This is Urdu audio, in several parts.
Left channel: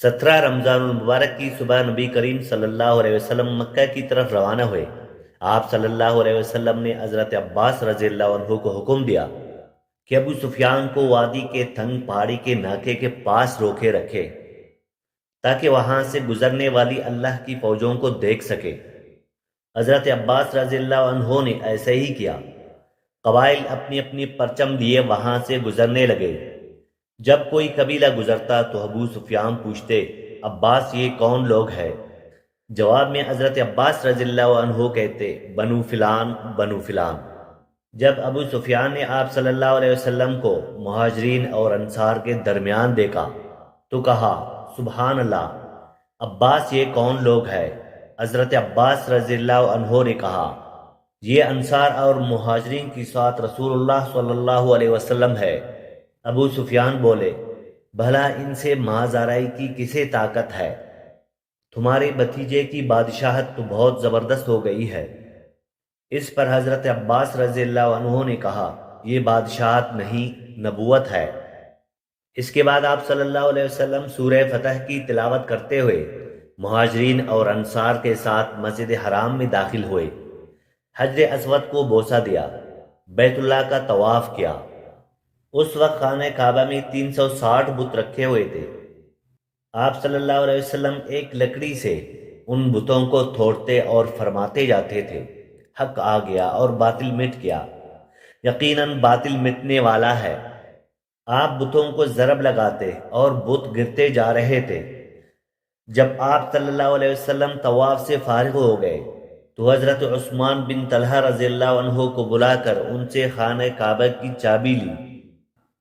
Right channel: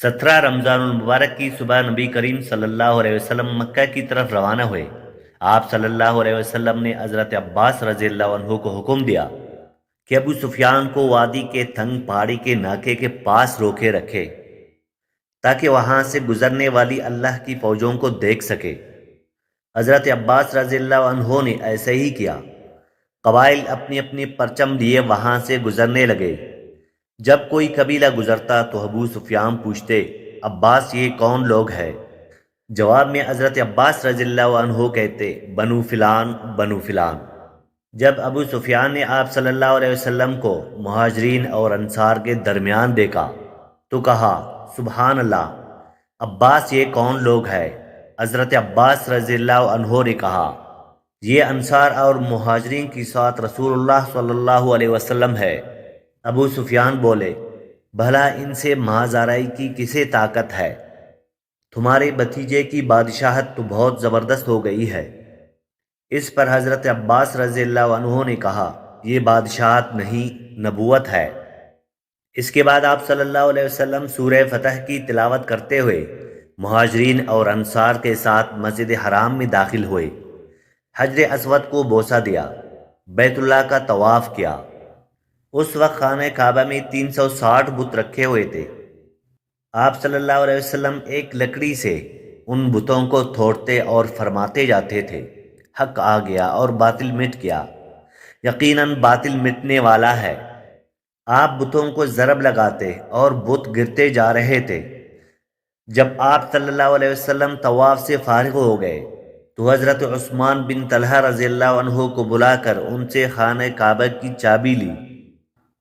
17 رمضان المبارک کی صبح نبی کریم صلی اللہ علیہ وسلم مکہ کی طرف روانہ ہوئے۔ آپ صلی اللہ علیہ وسلم نے حضرت عباس رضی اللہ عنہ کو حکم دیا کہ ابو سفیان کو وادی کے تنگ پہاڑی کے ناکے کے پاس روکے رکھے تاکہ وہاں سے گزرنے والی اللہ کی فوجوں کو دیکھ سکے۔ حضرت عباس رضی اللہ عنہ نے ایسے ہی کیا۔ قبائل اپنی اپنی پرچم لیے وہاں سے گزرنے لگے۔ جب کوئی قبیلہ گزرتا تو ابو سفیان پوچھتے، عباس یہ کون لوگ ہیں؟ جواب میں حضرت عباس رضی اللہ عنہ کہتے، بنو فلان بنو فلان۔ جب ابو سفیان نے آپ صلی اللہ علیہ وسلم کو مہاجرین اور انصار کے درمیان دیکھا تو کہا، سبحان اللہ، عباس یہ کون لوگ ہیں؟ حضرت عباس رضی اللہ عنہ نے کہا، یہ انصار اور مہاجرین کی ساتھ رسول اللہ صلی اللہ علیہ وسلم ہے۔ ابو سفیان بولے، بھلا ان سے مازارائی کی کسے طاقت ہے؟ تمہارے بھتیجے کی بادشاہت تو بہت زبردست ہو گئی ہے۔ اس پر حضرت عباس رضی اللہ عنہ نے کہا، یہ بادشاہت نہیں، نبوت ہے۔ اس کے بعد آپ صلی اللہ علیہ وسلم سورہ فتح کی تلاوت کرتے ہوئے مہاجرین اور انصار کے ساتھ مسجد حرام میں داخل ہوئے، حجر اسود کو بوسہ دیا، بیت اللہ کا طواف کیا۔ اس وقت خانہ کعبہ میں 360 بت رکھے ہوئے تھے۔ آپ صلی اللہ علیہ وسلم ایک لکڑی سے ان بتوں کو توڑتے اور فرماتے جاتے تھے، حق آ گیا اور باطل مٹ گیا، یقیناً باطل مٹنے والا ہے۔ آپ بتوں کو ضرب لگاتے اور بت گرتے جا رہے تھے۔ جب آپ صلی اللہ علیہ وسلم طواف سے فارغ ہو گئے تو حضرت عثمان بن طلحہ رضی اللہ عنہ کو بلا کر ان سے خانہ کعبہ کی چابی لی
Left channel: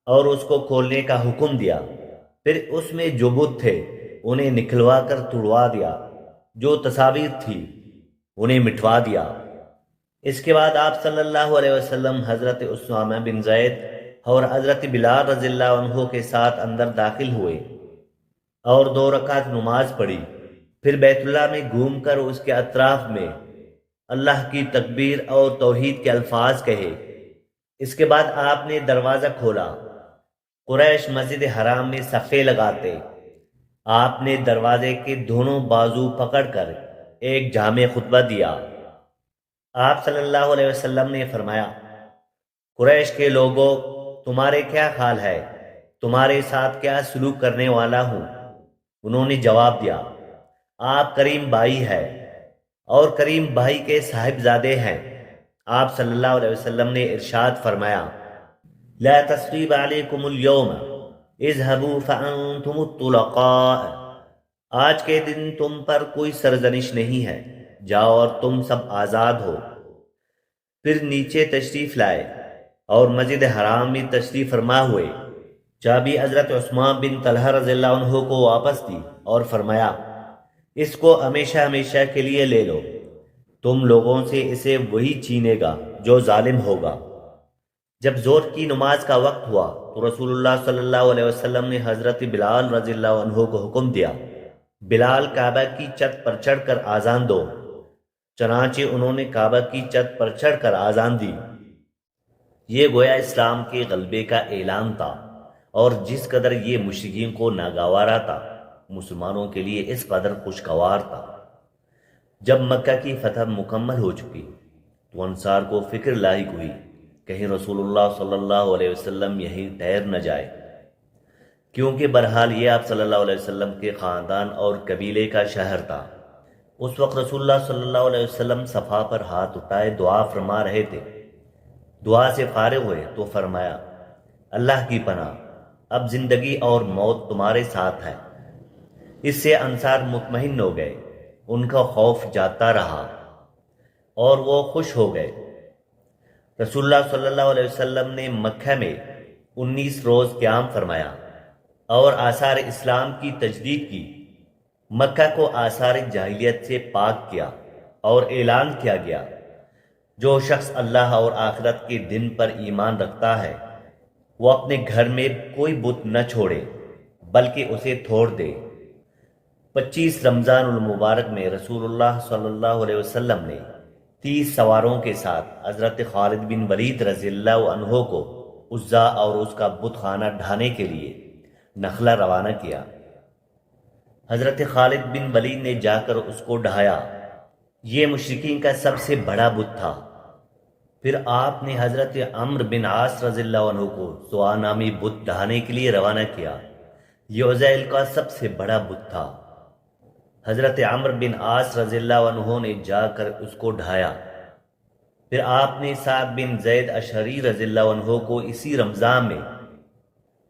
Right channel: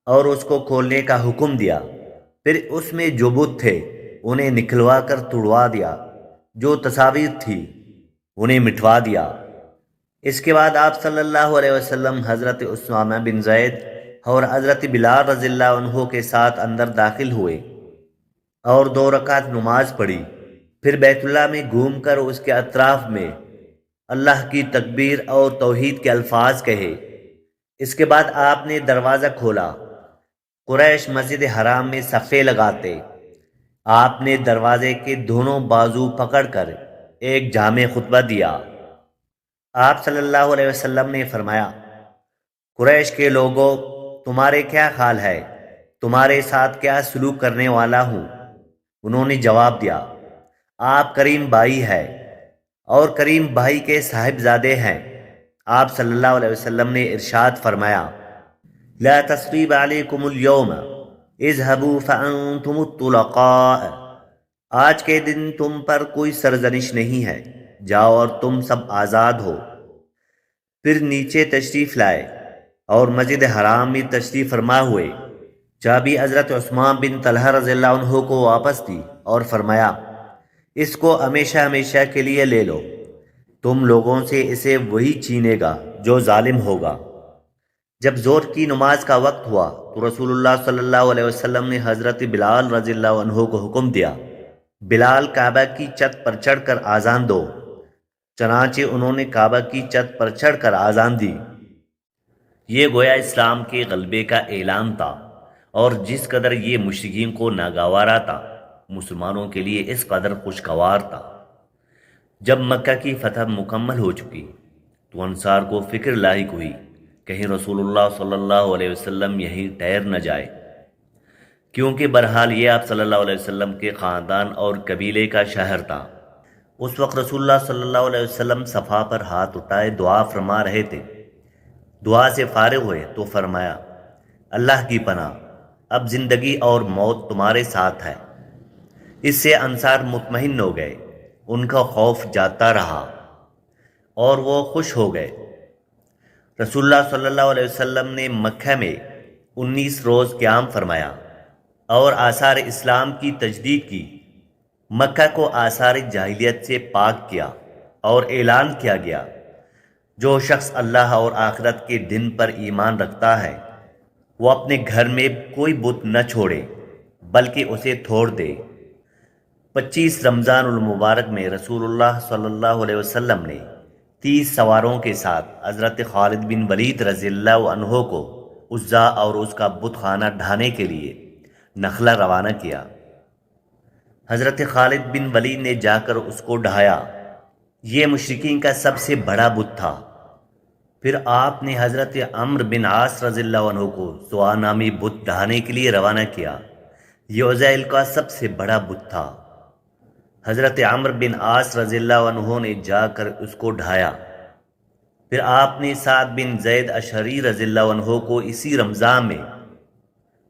اور اس کو کھولنے کا حکم دیا۔ پھر اس میں جو بت تھے انہیں نکلوا کر توڑوا دیا، جو تصاویر تھی انہیں مٹوا دیا۔ اس کے بعد آپ صلی اللہ علیہ وسلم حضرت اسامہ بن زید اور حضرت بلال رضی اللہ عنہ کے ساتھ اندر داخل ہوئے اور 2 رکعت نماز پڑھی۔ پھر بیت اللہ میں گھوم کر اس کے اطراف میں اللہ کی تکبیر اور توحید کے الفاظ کہے۔ اس کے بعد آپ نے دروازہ کھولا۔ قریش مسجد حرام میں صفے لگاتے۔ آپ نے دروازے کے دونوں بازو پکڑ کر ایک جامع خطبہ دیا۔ آپ صلی اللہ علیہ وسلم نے فرمایا، قریش کے لوگوں، تمہارے کیا حال ہے؟ تمہارے ساتھ کیا سلوک کرنے والا ہوں؟ انہوں نے جواب دیا، آپ کریم بھائی ہے اور کریم بھائی کے صاحبزادے ہیں۔ آپ صلی اللہ علیہ وسلم نے ارشاد فرمایا، لا تثریب علیکم اليوم اذهبوا فانتم الطلقاء۔ آج کے دن تم پر کوئی سرزنش نہیں ہے، جاؤ اور تم سب آزاد ہو۔ پھر نیچے تشریف لائے اور مسجد حرام میں تشریف فرما ہوئے۔ چابی حضرت عثمان بن طلحہ رضی اللہ عنہ کو واپس دی اور فرمایا، اس کو ہمیشہ ہمیشہ کے لیے لے لو، تم لوگوں سے اسے وہی چھینے گا جو ظالم ہوگا۔ جب ظہر کی نماز کا وقت ہوا تو رسول اللہ صلی اللہ علیہ وسلم نے حضرت بلال رضی اللہ عنہ کو حکم دیا، بلال کعبہ کی چھت پر چڑھ کر آذان دو۔ چنانچہ انہوں نے کعبہ کی چھت پر چڑھ کر آذان دی۔ یہ گویا اسلام کے غلبے کا اعلان تھا، اور جس قدر یہ مشرکین کو ناگوارا تھا، مسلمانوں کے لیے اس قدر خوشگوار تھا۔ جب مکہ کی فتح مکمل ہو چکی تو انصار کو فکر لاحق ہوئی، کہیں رسول اللہ صلی اللہ علیہ وسلم یہیں ٹھہر نہ جائے، کیونکہ بہرحال یہ آپ صلی اللہ علیہ وسلم کے خاندان اور قبیلے کا شہر تھا۔ اس وقت رسول اللہ صلی اللہ علیہ وسلم صفا پر ہاتھ اٹھائے دعا فرما رہے تھے۔ دعا سے فارغ ہوئے تو فرمایا، اللہ کی پناہ، اب زندگی اور موت تمہارے ساتھ ہے۔ اس سے انصار مطمئن ہو گئے، ان کا خوف جاتا رہا اور وہ خوش ہو گئے۔ رسول اللہ صلی اللہ علیہ وسلم نے مکہ میں 19 روز قیام فرمایا اور آثار اسلام کی تجدید کی۔ مکہ کو آثار جاہلیت سے پاک کیا اور اعلان کیا گیا، جو شخص اللہ اور آخرت کے دن پر ایمان رکھتا ہے وہ اپنے گھر میں کوئی بت نہ چھوڑے بلکہ اسے توڑ دے۔ 25 رمضان المبارک میں رسول اللہ صلی اللہ علیہ وسلم نے 30 سواروں کے ساتھ حضرت خالد بن ولید رضی اللہ عنہ کو عزا اور اس کا بت خانہ ڈھانے کے لیے نخلا روانہ کیا۔ حضرت خالد بن ولید نے جا کر اس کو ڈھایا۔ یہ مشرکین کا سب سے بڑا بت تھا۔ پھر آپ نے حضرت عمرو بن عاص رضی اللہ عنہ کو سوا نامی بت ڈھانے کے لیے روانہ کیا۔ یہ عزیل کا سب سے بڑا بت تھا۔ حضرت عمرو بن عاص رضی اللہ عنہ نے جا کر اس کو ڈھایا۔ پھر آپ نے سعد بن زید اشعری رضی اللہ عنہ کو اسی رمضان میں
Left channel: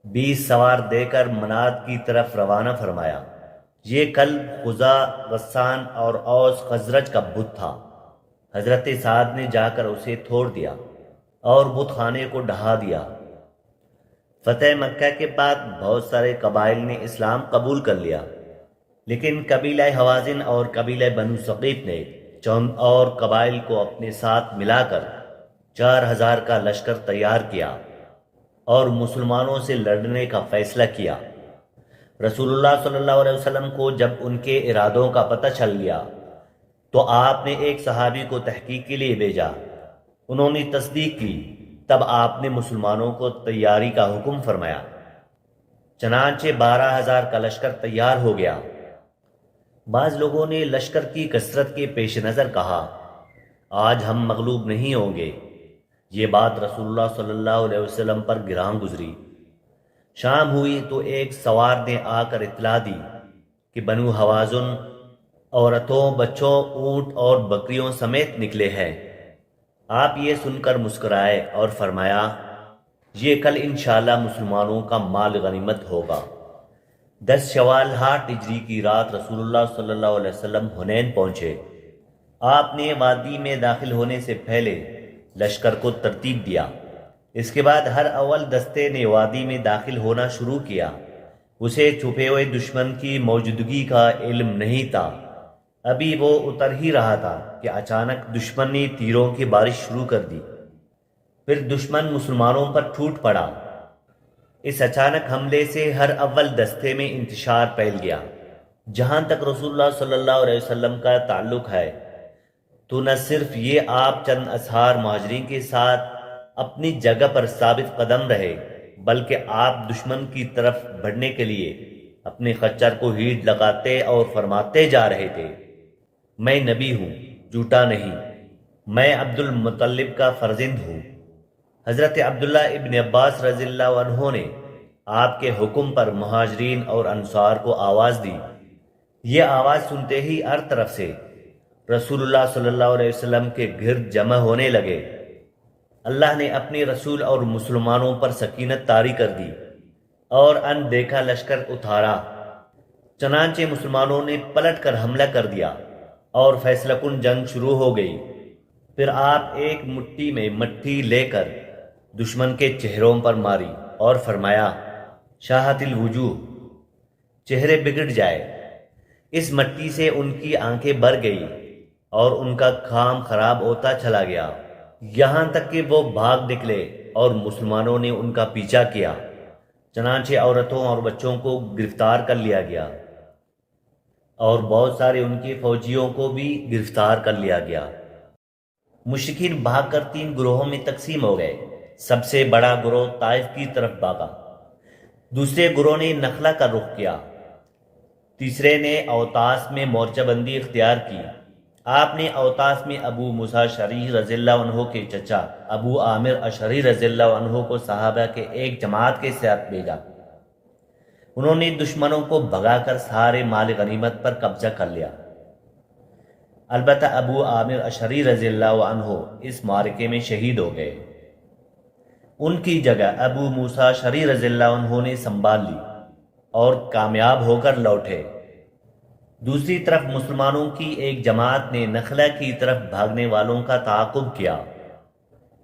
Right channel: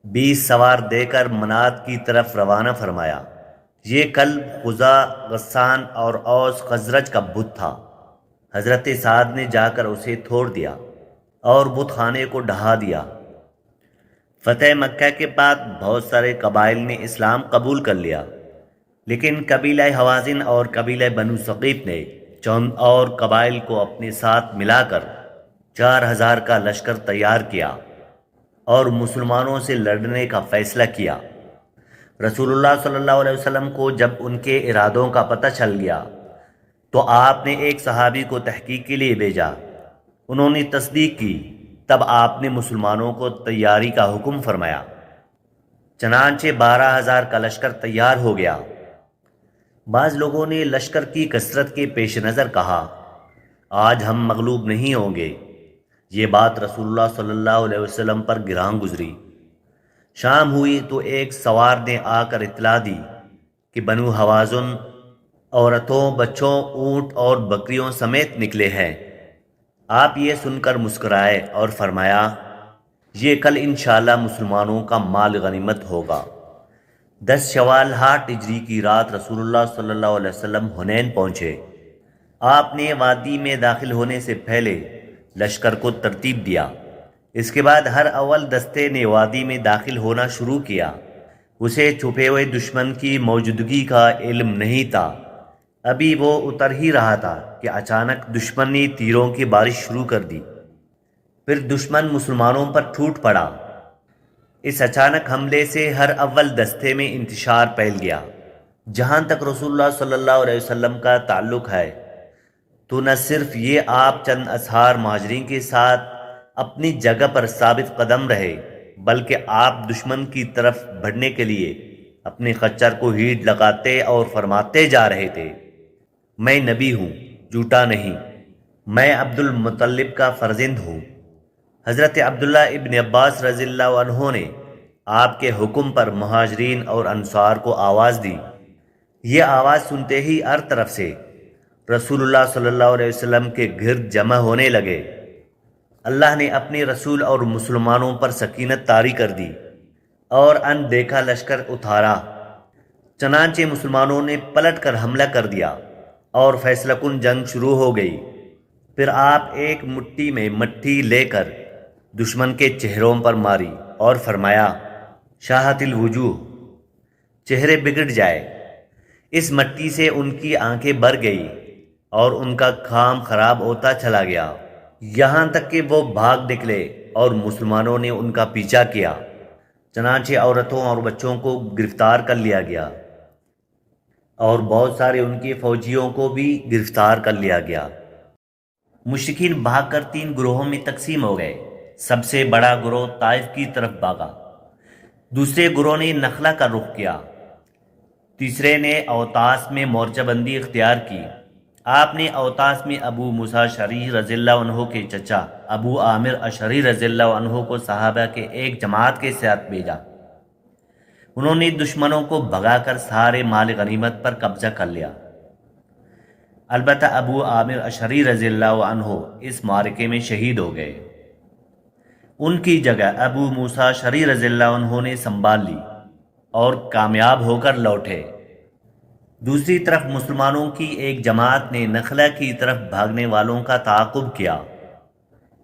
20 سوار دے کر منات کی طرف روانہ فرمایا۔ یہ کلب خزا، غسان اور اوس خزرج کا بت تھا۔ حضرت سعد نے جا کر اسے توڑ دیا اور بت خانے کو ڈھا دیا۔ فتح مکہ کے بعد بہت سارے قبائل نے اسلام قبول کر لیا، لیکن قبیلہ حوازن اور قبیلہ بنو ثقیف نے چند اور قبائل کو اپنے ساتھ ملا کر 4000 کا لشکر تیار کیا اور مسلمانوں سے لڑنے کا فیصلہ کیا۔ رسول اللہ صلی اللہ علیہ وسلم کو جب ان کے ارادوں کا پتہ چل گیا تو آپ نے ایک صحابی کو تحقیق کے لیے بھیجا۔ انہوں نے تصدیق کی، تب آپ نے مسلمانوں کو تیاری کا حکم فرمایا۔ چنانچہ 12000 کا لشکر تیار ہو گیا۔ بعض لوگوں نے لشکر کی کثرت کے پیش نظر کہا، آج ہم مغلوب نہیں ہوں گے۔ یہ بات رسول اللہ صلی اللہ علیہ وسلم پر گراں گزری۔ شام ہوئی تو ایک سوار نے آ کر اطلاع دی کہ بنو حوازن عورتوں، بچوں، اونٹ اور بکریوں سمیت نکلے ہیں۔ آپ یہ سن کر مسکرائے اور فرمایا، یہ کل انشاءاللہ مسلمانوں کا مال غنیمت ہوگا۔ 10 شوال 8 ہجری کی رات رسول اللہ صلی اللہ علیہ وسلم حنین پہنچے۔ آپ نے وادی میں داخل ہونے سے پہلے لشکر کو ترتیب دیا۔ اس کے بعد ہر اول دستے نے وادی میں داخل ہونا شروع کیا۔ اسے چھپے ہوئے دشمن کی موجودگی کا علم نہیں تھا۔ ابھی وہ اتر ہی رہا تھا کہ اچانک دشمن نے تیروں کی بارش شروع کر دی۔ پھر دشمن مسلمانوں پر ٹوٹ پڑا۔ اس اچانک حملے سے ہر اول دستے میں انتشار پھیل گیا۔ جہاں تک رسول اللہ صلی اللہ علیہ وسلم کا تعلق ہے تو نہ صرف یہ آپ چند اصحار مہاجرین کے ساتھ اپنی جگہ پر ثابت قدم رہے، بلکہ آپ دشمن کی طرف بڑھنے کے لیے اپنے خچر کو ہیٹ لگاتے اور فرماتے جا رہے تھے، میں نبی ہوں، جھوٹا نہیں، میں عبد المطلب کا فرزند ہوں۔ حضرت عبداللہ ابن عباس رضی اللہ عنہ نے آپ کے حکم پر مہاجرین اور انصار کو آواز دی۔ یہ آواز سنتے ہی ہر طرف سے رسول اللہ صلی اللہ علیہ وسلم کے گرد جمع ہونے لگے۔ اللہ نے اپنے رسول اور مسلمانوں پر سکینت طاری کر دی اور ان دیکھا لشکر اتارا۔ چنانچہ مسلمانوں نے پلٹ کر حملہ کر دیا اور فیصلہ کن جنگ شروع ہو گئی۔ پھر آپ ایک مٹھی میں مٹی لے کر دشمن کے چہروں پر ماری اور فرمایا، شاہت الوجوہ، چہرے بگڑ جائے۔ اس مٹی سے ان کی آنکھیں بھر گئی اور ان کا کام خراب ہوتا چلا گیا، یہاں تک کہ وہ بھاگ نکلے اور مسلمانوں نے ان کا پیچھا کیا۔ چنانچہ عورتوں اور بچوں کو گرفتار کر لیا گیا اور بہت سارے ان کے فوجیوں کو بھی گرفتار کر لیا گیا۔ مشرکین بھاگ کر 3 گروہوں میں تقسیم ہو گئے۔ سب سے بڑا گروہ طائف کی طرف بھاگا، دوسرے گروہ نے نخلا کا رخ کیا، تیسرے نے اوتاس میں مورچہ بندی اختیار کی۔ آپ نے اوتاس میں ابو موسیٰ اشعری رضی اللہ عنہ کے چچا ابو عامر اشعری رضی اللہ عنہ کو صحابہ کے ایک جماعت کے ساتھ بھیجا۔ انہوں نے دشمنوں کو بھگا کر سارے مال غنیمت پر قبضہ کر لیا۔ البتہ ابو عامر اشعری رضی اللہ عنہ اس معرکے میں شہید ہو گئے۔ ان کی جگہ ابو موسیٰ اشعری رضی اللہ عنہ نے سنبھال لی اور کامیاب ہو کر لوٹے۔ دوسری طرف مسلمانوں کی ایک جماعت نے نخلا کی طرف بھاگنے والوں کا تعاقب کیا۔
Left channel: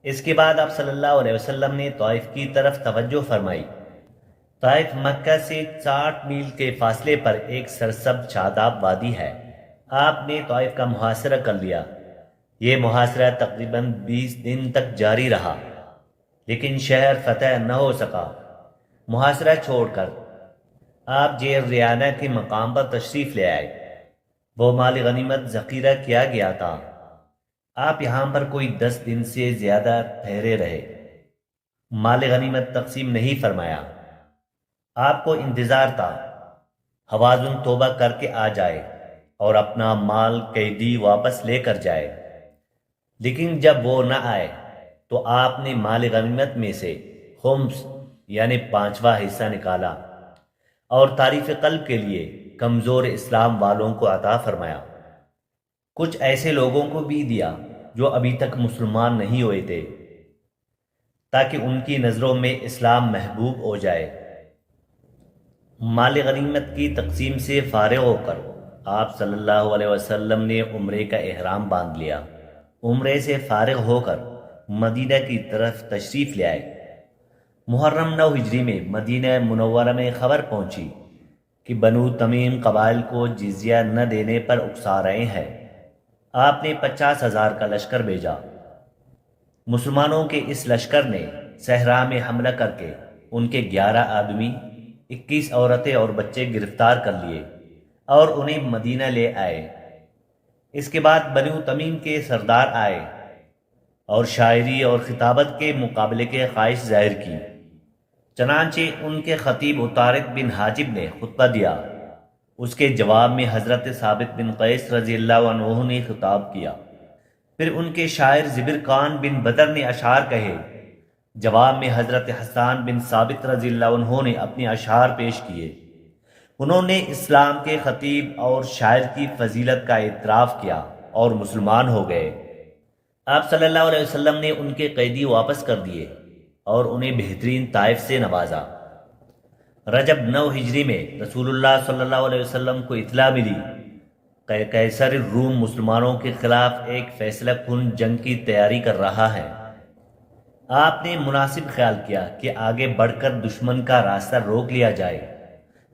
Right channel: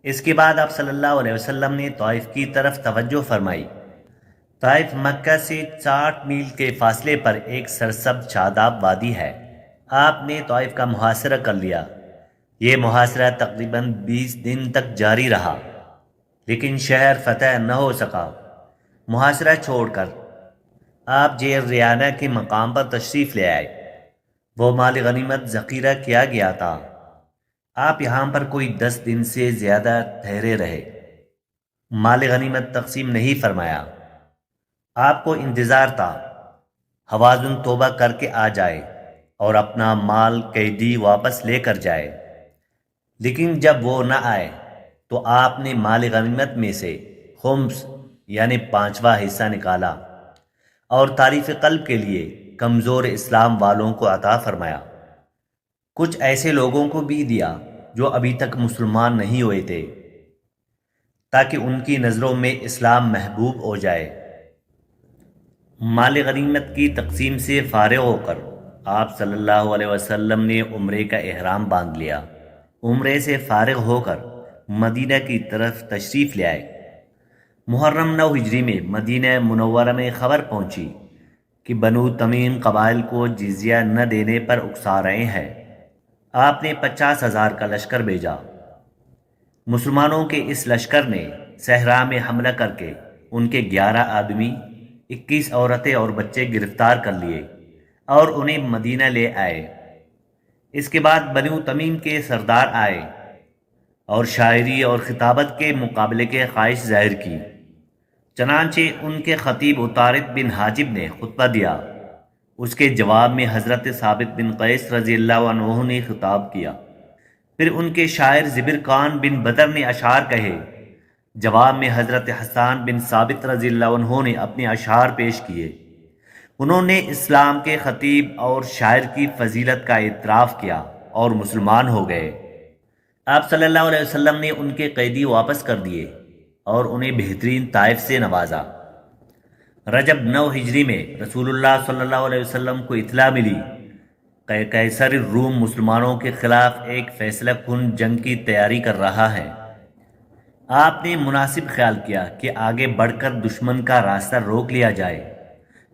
اس کے بعد آپ صلی اللہ علیہ وسلم نے طائف کی طرف توجہ فرمائی۔ طائف مکہ سے 60 میل کے فاصلے پر ایک سرسبز شاداب وادی ہے۔ آپ نے طائف کا محاصرہ کر لیا۔ یہ محاصرہ تقریباً 20 دن تک جاری رہا، لیکن شہر فتح نہ ہو سکا۔ محاصرہ چھوڑ کر آپ جیر ریانہ کے مقام پر تشریف لے آئے۔ وہ مال غنیمت ذخیرہ کیا گیا تھا۔ آپ یہاں پر کوئی 10 دن سے زیادہ ٹھہرے رہے۔ مال غنیمت تقسیم نہیں فرمایا۔ آپ کو انتظار تھا، حوازن توبہ کر کے آ جائے اور اپنا مال قیدی واپس لے کر جائے۔ لیکن جب وہ نہ آئے تو آپ نے مال غنیمت میں سے خمس یعنی 5واں حصہ نکالا اور تعریف قلب کے لیے کمزور اسلام والوں کو عطا فرمایا۔ کچھ ایسے لوگوں کو بھی دیا جو ابھی تک مسلمان نہیں ہوئے تھے، تاکہ ان کی نظروں میں اسلام محبوب ہو جائے۔ مال غنیمت کی تقسیم سے فارغ ہو کر آپ صلی اللہ علیہ وسلم نے عمرے کا احرام باندھ لیا۔ عمرے سے فارغ ہو کر مدینہ کی طرف تشریف لے آئے۔ محرم 9 ہجری میں مدینہ منورہ میں خبر پہنچی کہ بنو تمیم قبائل کو جزیہ نہ دینے پر اکسا رہے ہیں۔ آپ نے 50,000 کا لشکر بھیجا۔ مسلمانوں کے اس لشکر نے صحرا میں حملہ کر کے ان کے 11 آدمی، 21 عورتیں اور بچے گرفتار کر لیے اور انہیں مدینہ لے آئے۔ اس کے بعد بنو تمیم کے سردار آئے اور شاعری اور خطابت کے مقابلے کے خواہش ظاہر کی۔ چنانچہ ان کے خطیب عطارد بن حاجب نے خطبہ دیا۔ اس کے جواب میں حضرت ثابت بن قیس رضی اللہ عنہ نے خطاب کیا۔ پھر ان کے شاعر زبرقان بن بدر نے اشعار کہے۔ جواب میں حضرت حسان بن ثابت رضی اللہ عنہ نے اپنے اشعار پیش کیے۔ انہوں نے اسلام کے خطیب اور شاعر کی فضیلت کا اعتراف کیا اور مسلمان ہو گئے۔ آپ صلی اللہ علیہ وسلم نے ان کے قیدی واپس کر دیے اور انہیں بہترین طائف سے نوازا۔ رجب 9 ہجری میں رسول اللہ صلی اللہ علیہ وسلم کو اطلاع ملی کہ قیصر الروم مسلمانوں کے خلاف ایک فیصلہ کن جنگ کی تیاری کر رہا ہے۔ آپ نے مناسب خیال کیا کہ آگے بڑھ کر دشمن کا راستہ روک لیا جائے۔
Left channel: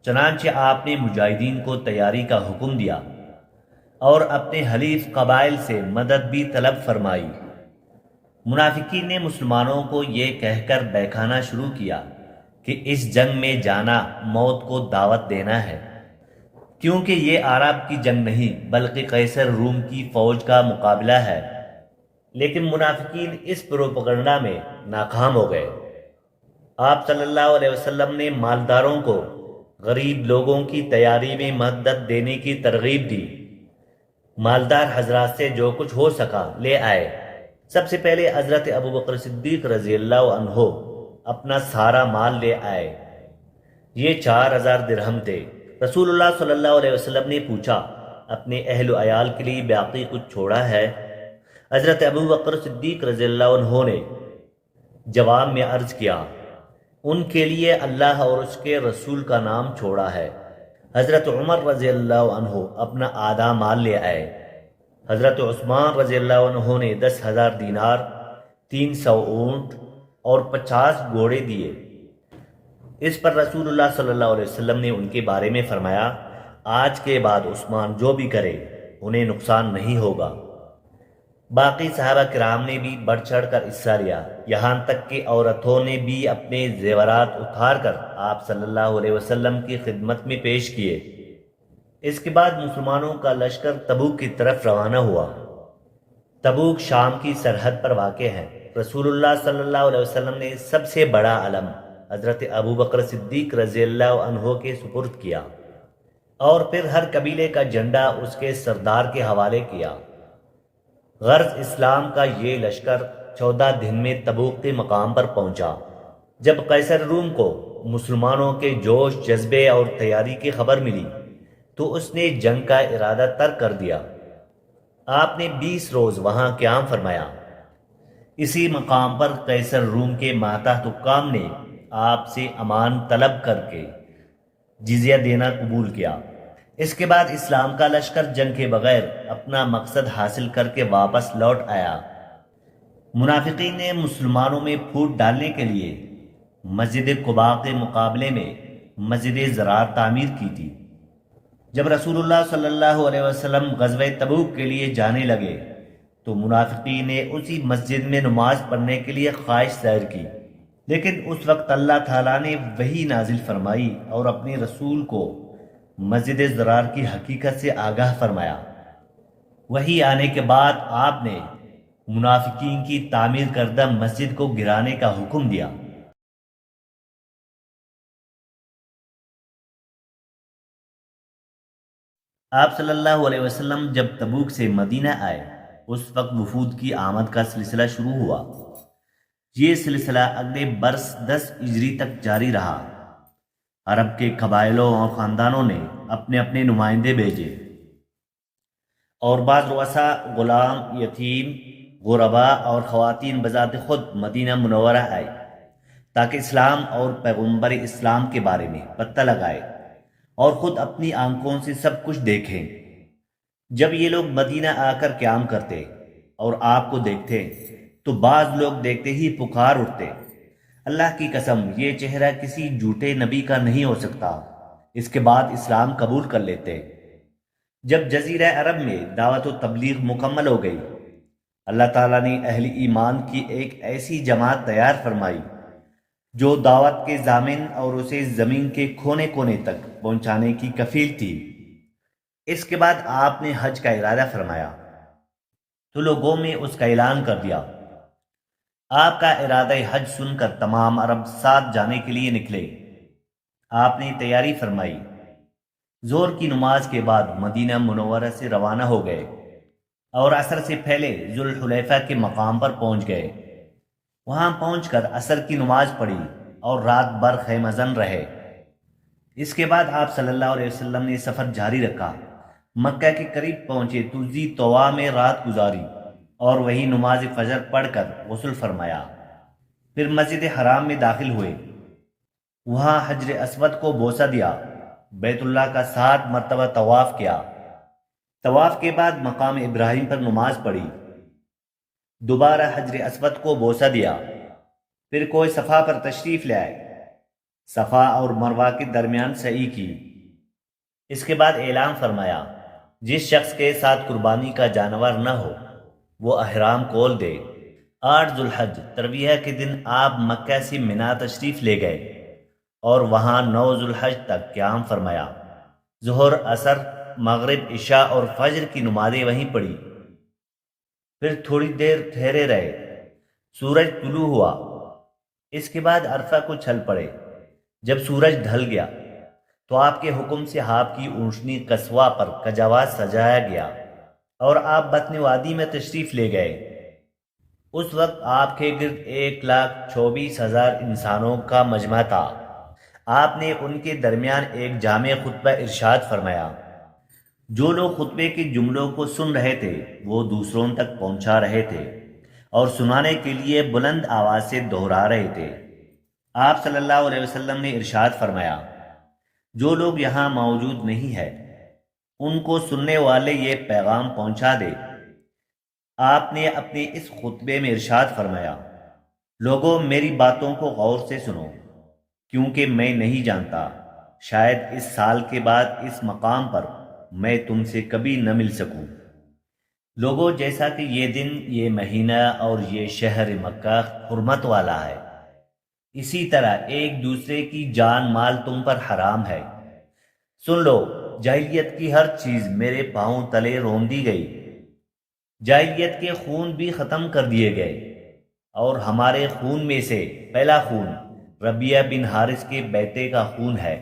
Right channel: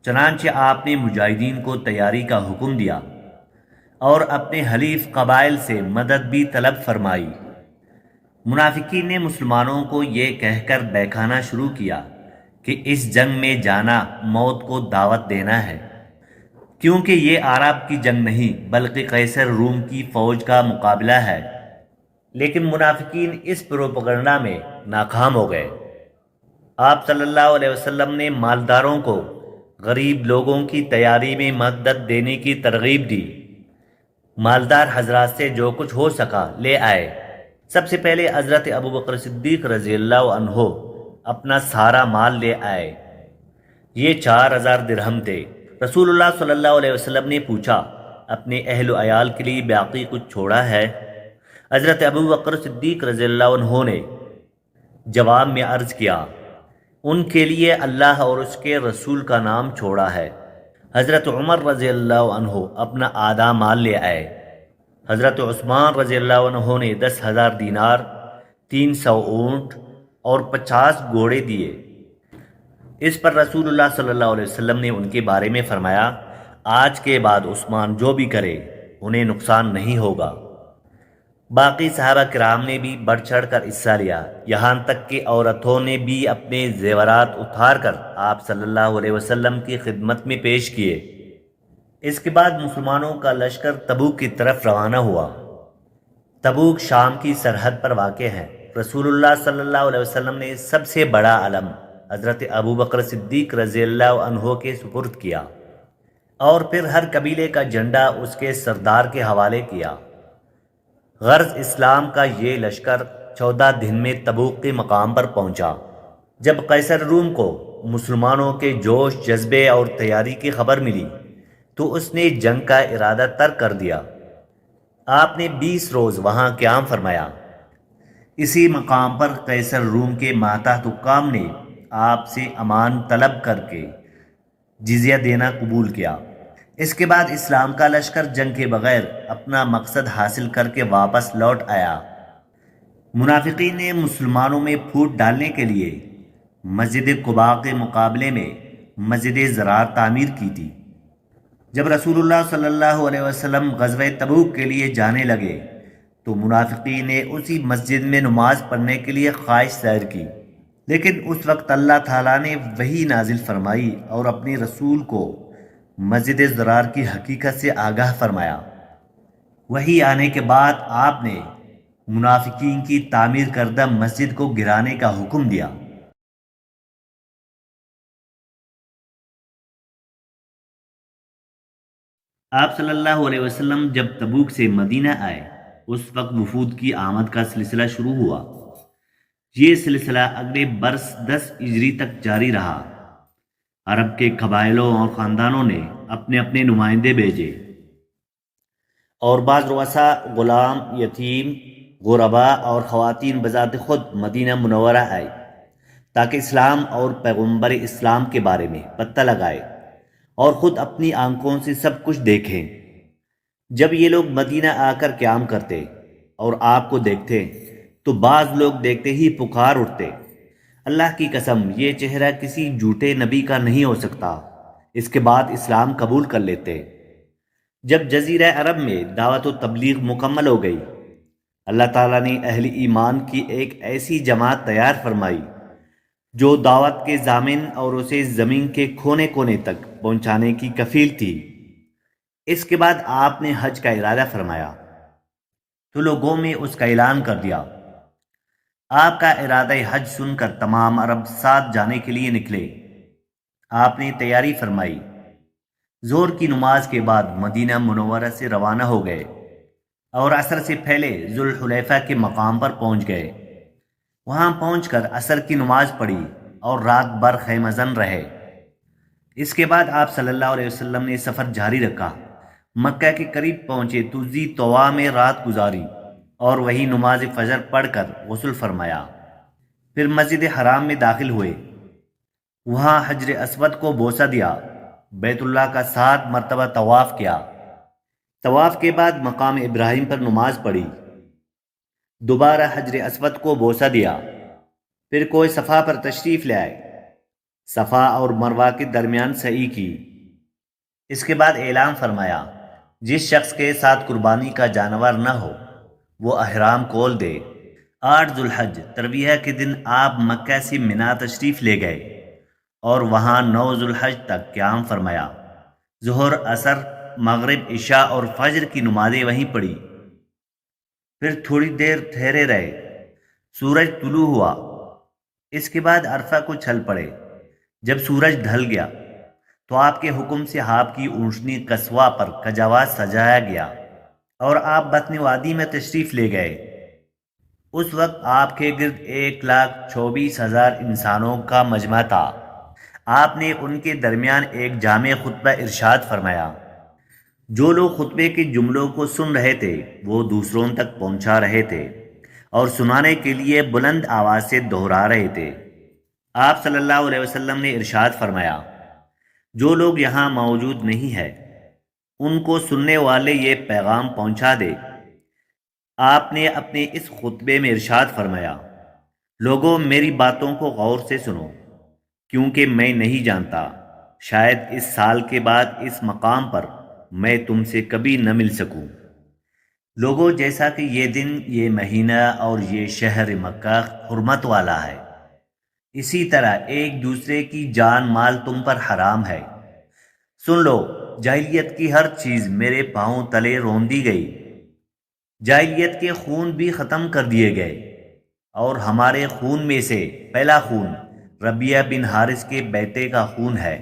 چنانچہ آپ نے مجاہدین کو تیاری کا حکم دیا اور اپنے حلیف قبائل سے مدد بھی طلب فرمائی۔ منافقین نے مسلمانوں کو یہ کہہ کر بہکانا شروع کیا کہ اس جنگ میں جانا موت کو دعوت دینا ہے، کیونکہ یہ عرب کی جنگ نہیں بلکہ قیصر روم کی فوج کا مقابلہ ہے۔ لیکن منافقین اس پروپیگنڈا میں ناکام ہو گئے۔ آپ صلی اللہ علیہ وسلم نے مالداروں کو غریب لوگوں کی تیاری میں مدد دینے کی ترغیب دی۔ مالدار حضرات سے جو کچھ ہو سکا لے آئے۔ سب سے پہلے حضرت ابوبکر صدیق رضی اللہ عنہ اپنا سارا مال لے آئے۔ یہ 4,000 درہم تھے۔ رسول اللہ صلی اللہ علیہ وسلم نے پوچھا، اپنے اہل و عیال کے لیے باقی کچھ چھوڑا ہے؟ حضرت ابوبکر صدیق رضی اللہ عنہ نے جواب میں عرض کیا، ان کے لیے اللہ اور اس کے رسول کا نام چھوڑا ہے۔ حضرت عمر رضی اللہ عنہ اپنا آدھا مال لے آئے۔ حضرت عثمان رضی اللہ عنہ نے 10,000 دینار، 300 اونٹ اور 50 گھوڑے دیے۔ اس پر رسول اللہ صلی اللہ علیہ وسلم نے ان کے بارے میں فرمایا، آج کے بعد عثمان جو بھی کرے انہیں نقصان نہیں ہوگا۔ باقی صحابہ کرام نے بھی بڑھ چڑھ کر حصہ لیا، یہاں تک کہ عورتوں نے بھی اپنے زیورات اتار کر آپ صلی اللہ علیہ وسلم کی خدمت میں پیش کیے۔ اس کے بعد مسلمانوں کا لشکر تبوک کی طرف روانہ ہوا۔ تبوک شام کی سرحد پر واقع ہے۔ رسول اللہ صلی اللہ علیہ وسلم نے سب سے بڑا علم حضرت ابوبکر صدیق رضی اللہ عنہ کے سپرد کیا اور پھر ہر قبیلے کا جھنڈا اس کے سردار کے حوالے کیا۔ غرض اسلام کا یہ لشکر 14 دن میں تبوک کے مقام پر پہنچا۔ جب قیصر روم کو مسلمانوں کے جوش، جذبے اور تیاری کی خبر ملی تو اس نے جنگ کا ارادہ ترک کر دیا۔ آپ نے 20 روز وہاں قیام فرمایا۔ اسی مقام پر قیصر روم کے ماتحت حکام نے آپ سے امان طلب کر کے جزیہ دینا قبول کیا۔ اس کے بعد اسلام کا لشکر جنگ کے بغیر اپنا مقصد حاصل کر کے واپس لوٹ آیا۔ منافقین نے مسلمانوں میں پھوٹ ڈالنے کے لیے مسجد قباء کے مقابلے میں مسجد ضرار تعمیر کی تھی۔ جب رسول اللہ صلی اللہ علیہ وسلم غزوہ تبوک کے لیے جانے لگے تو منافقین نے اسی مسجد میں نماز پڑھنے کے لیے خواہش ظاہر کی، لیکن اس وقت اللہ تعالیٰ نے وحی نازل فرمائی اور اپنے رسول کو مسجد ضرار کی حقیقت سے آگاہ فرمایا۔ وحی آنے کے بعد آپ نے منافقین کی تعمیر کردہ مسجد کو گرانے کا حکم دیا۔ آپ صلی اللہ علیہ وسلم جب تبوک سے مدینہ آئے اس وقت وفود کی آمد کا سلسلہ شروع ہوا۔ یہ سلسلہ اگلے برس 10 ہجری تک جاری رہا۔ عرب کے قبائلوں اور خاندانوں نے اپنے اپنے نمائندے بھیجے اور بعض رؤسا غلام، یتیم، غربا اور خواتین بذات خود مدینہ منورہ آئے تاکہ اسلام اور پیغمبر اسلام کے بارے میں پتہ لگائے اور خود اپنی آنکھوں سے سب کچھ دیکھیں۔ جب یہ لوگ مدینہ آ کر قیام کرتے اور آپ کو دیکھتے تو بعض لوگ دیکھتے ہی پکار اٹھتے، اللہ کی قسم یہ چہرہ کسی جھوٹے نبی کا نہیں ہو سکتا۔ اس کے بعد اسلام قبول کر لیتے۔ جب جزیرہ عرب میں دعوت و تبلیغ مکمل ہو گئی، اللہ تعالیٰ نے اہل ایمان کی ایک ایسی جماعت تیار فرمائی جو دعوت کے ضامن اور اسے زمین کے کونے کونے تک پہنچانے کی کفیل تھی۔ اس کے بعد آپ نے حج کا ارادہ فرمایا تو لوگوں میں اس کا اعلان کر دیا۔ آپ کا ارادہ حج سن کر تمام عرب ساتھ جانے کے لیے نکلے۔ آپ نے تیاری فرمائی۔ ظہر کی نماز کے بعد مدینہ منورہ سے روانہ ہو گئے اور عصر سے پہلے ذوالحلیفہ کے مقام پر پہنچ گئے۔ وہاں پہنچ کر عصر کی نماز پڑھی اور رات بھر خیمہ زن رہے۔ اس کے بعد آپ صلی اللہ علیہ وسلم نے سفر جاری رکھا۔ مکہ کے قریب پہنچے تو ذی طوا میں رات گزاری اور وہی نماز فجر پڑھ کر غسل فرمایا۔ پھر مسجد حرام میں داخل ہوئے، وہاں حجر اسود کو بوسہ دیا، بیت اللہ کا 7 مرتبہ طواف کیا۔ طواف کے بعد مقام ابراہیم پر نماز پڑھی، دوبارہ حجر اسود کو بوسہ دیا، پھر کوہ صفا پر تشریف لے آئے، صفا اور مروہ کے درمیان سعی کی۔ اس کے بعد اعلان فرمایا، جس شخص کے ساتھ قربانی کا جانور نہ ہو وہ احرام کھول دے۔ 8 ذوالحج ترویہ کے دن آپ مکہ سے منا تشریف لے گئے اور وہاں 9 ذوالحج تک قیام فرمایا۔ ظہر، عصر، مغرب، عشاء اور فجر کی نمازیں وہیں پڑھی۔ پھر تھوڑی دیر ٹھہرے رہے، سورج طلوع ہوا۔ اس کے بعد عرفہ کو چل پڑے۔ جب سورج ڈھل گیا تو آپ کے حکم سے آپ کی اونٹنی قصوہ پر کجاوات سجایا گیا اور آپ بطن وادی میں تشریف لے گئے۔ اس وقت آپ کے گرد 1,24,000 انسانوں کا مجمع تھا۔ آپ نے ان کے درمیان ایک جامع خطبہ ارشاد فرمایا۔ جو لوگ خطبے کے جملوں کو سن رہے تھے وہ دوسروں تک پہنچا رہے تھے اور سنانے کے لیے بلند آواز سے دہرا رہے تھے۔ آپ صلی اللہ علیہ وسلم نے ارشاد فرمایا، جو لوگ یہاں موجود نہیں ہیں ان کو سننے والے یہ پیغام پہنچا دے۔ آپ نے اپنے اس خطبے میں ارشاد فرمایا، لوگوں میری باتوں کو غور سے سنو، کیونکہ میں نہیں جانتا، شاید اس سال کے بعد اس مقام پر میں تم سے کبھی نہ مل سکوں۔ لوگوں، جیسا کہ یہ دن، یہ مہینہ اور یہ شہر مکہ حرمت والا ہے، اسی طرح ایک دوسرے کی جان مال تم پر حرام ہے۔ سن لو، جاہلیت کی ہر چیز میرے پاؤں تلے رون دی گئی۔ جاہلیت کے خون بھی ختم کر دیے گئے اور ہمارے خون میں سے پہلا خون ربیعہ بن حارث کے بیٹے کا خون ہے،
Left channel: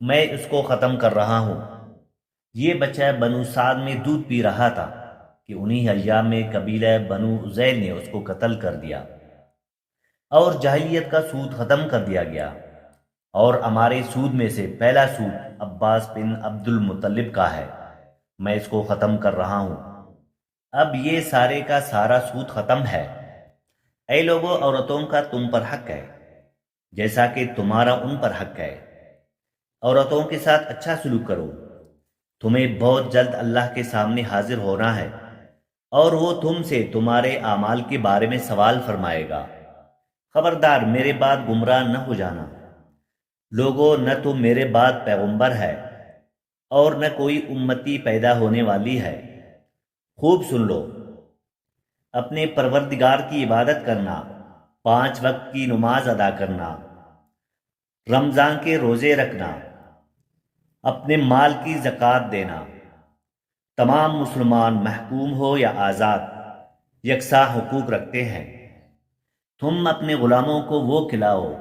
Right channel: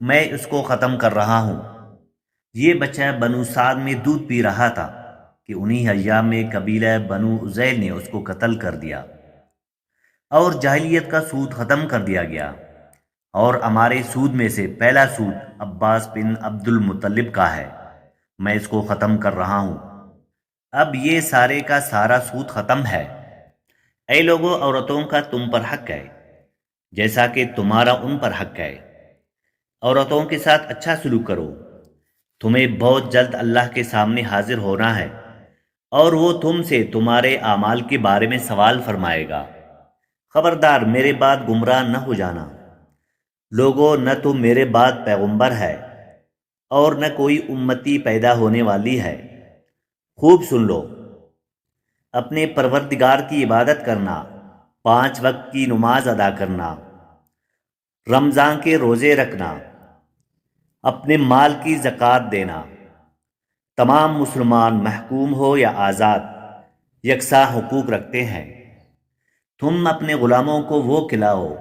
میں اس کو ختم کر رہا ہوں۔ یہ بچہ بنو سعد میں دودھ پی رہا تھا کہ انہی ایام میں قبیلہ بنو عزیل نے اس کو قتل کر دیا اور جاہلیت کا سود ختم کر دیا گیا، اور ہمارے سود میں سے پہلا سود عباس بن عبد المطلب کا ہے، میں اس کو ختم کر رہا ہوں۔ اب یہ سارے کا سارا سود ختم ہے۔ اے لوگوں، عورتوں کا تم پر حق ہے جیسا کہ تمہارا ان پر حق ہے۔ عورتوں کے ساتھ اچھا سلوک کرو، تمہیں بہت جلد اللہ کے سامنے حاضر ہونا ہے اور وہ تم سے تمہارے اعمال کے بارے میں سوال فرمائے گا۔ خبردار میرے بعد گمراہ نہ ہو جانا۔ لوگوں، نہ تو میرے بعد پیغمبر ہے اور نہ کوئی امتی پیدا ہونے والی ہے۔ خوب سن لو، اپنے پروردگار کی عبادت کرنا، 5 وقت کی نماز ادا کرنا، رمضان کے روزے رکھنا، اپنے مال کی زکوٰۃ دینا، تمام مسلمان محکوم ہو یا آزاد یکساں حقوق رکھتے ہیں۔ تم اپنے غلاموں کو وہ کھلاؤ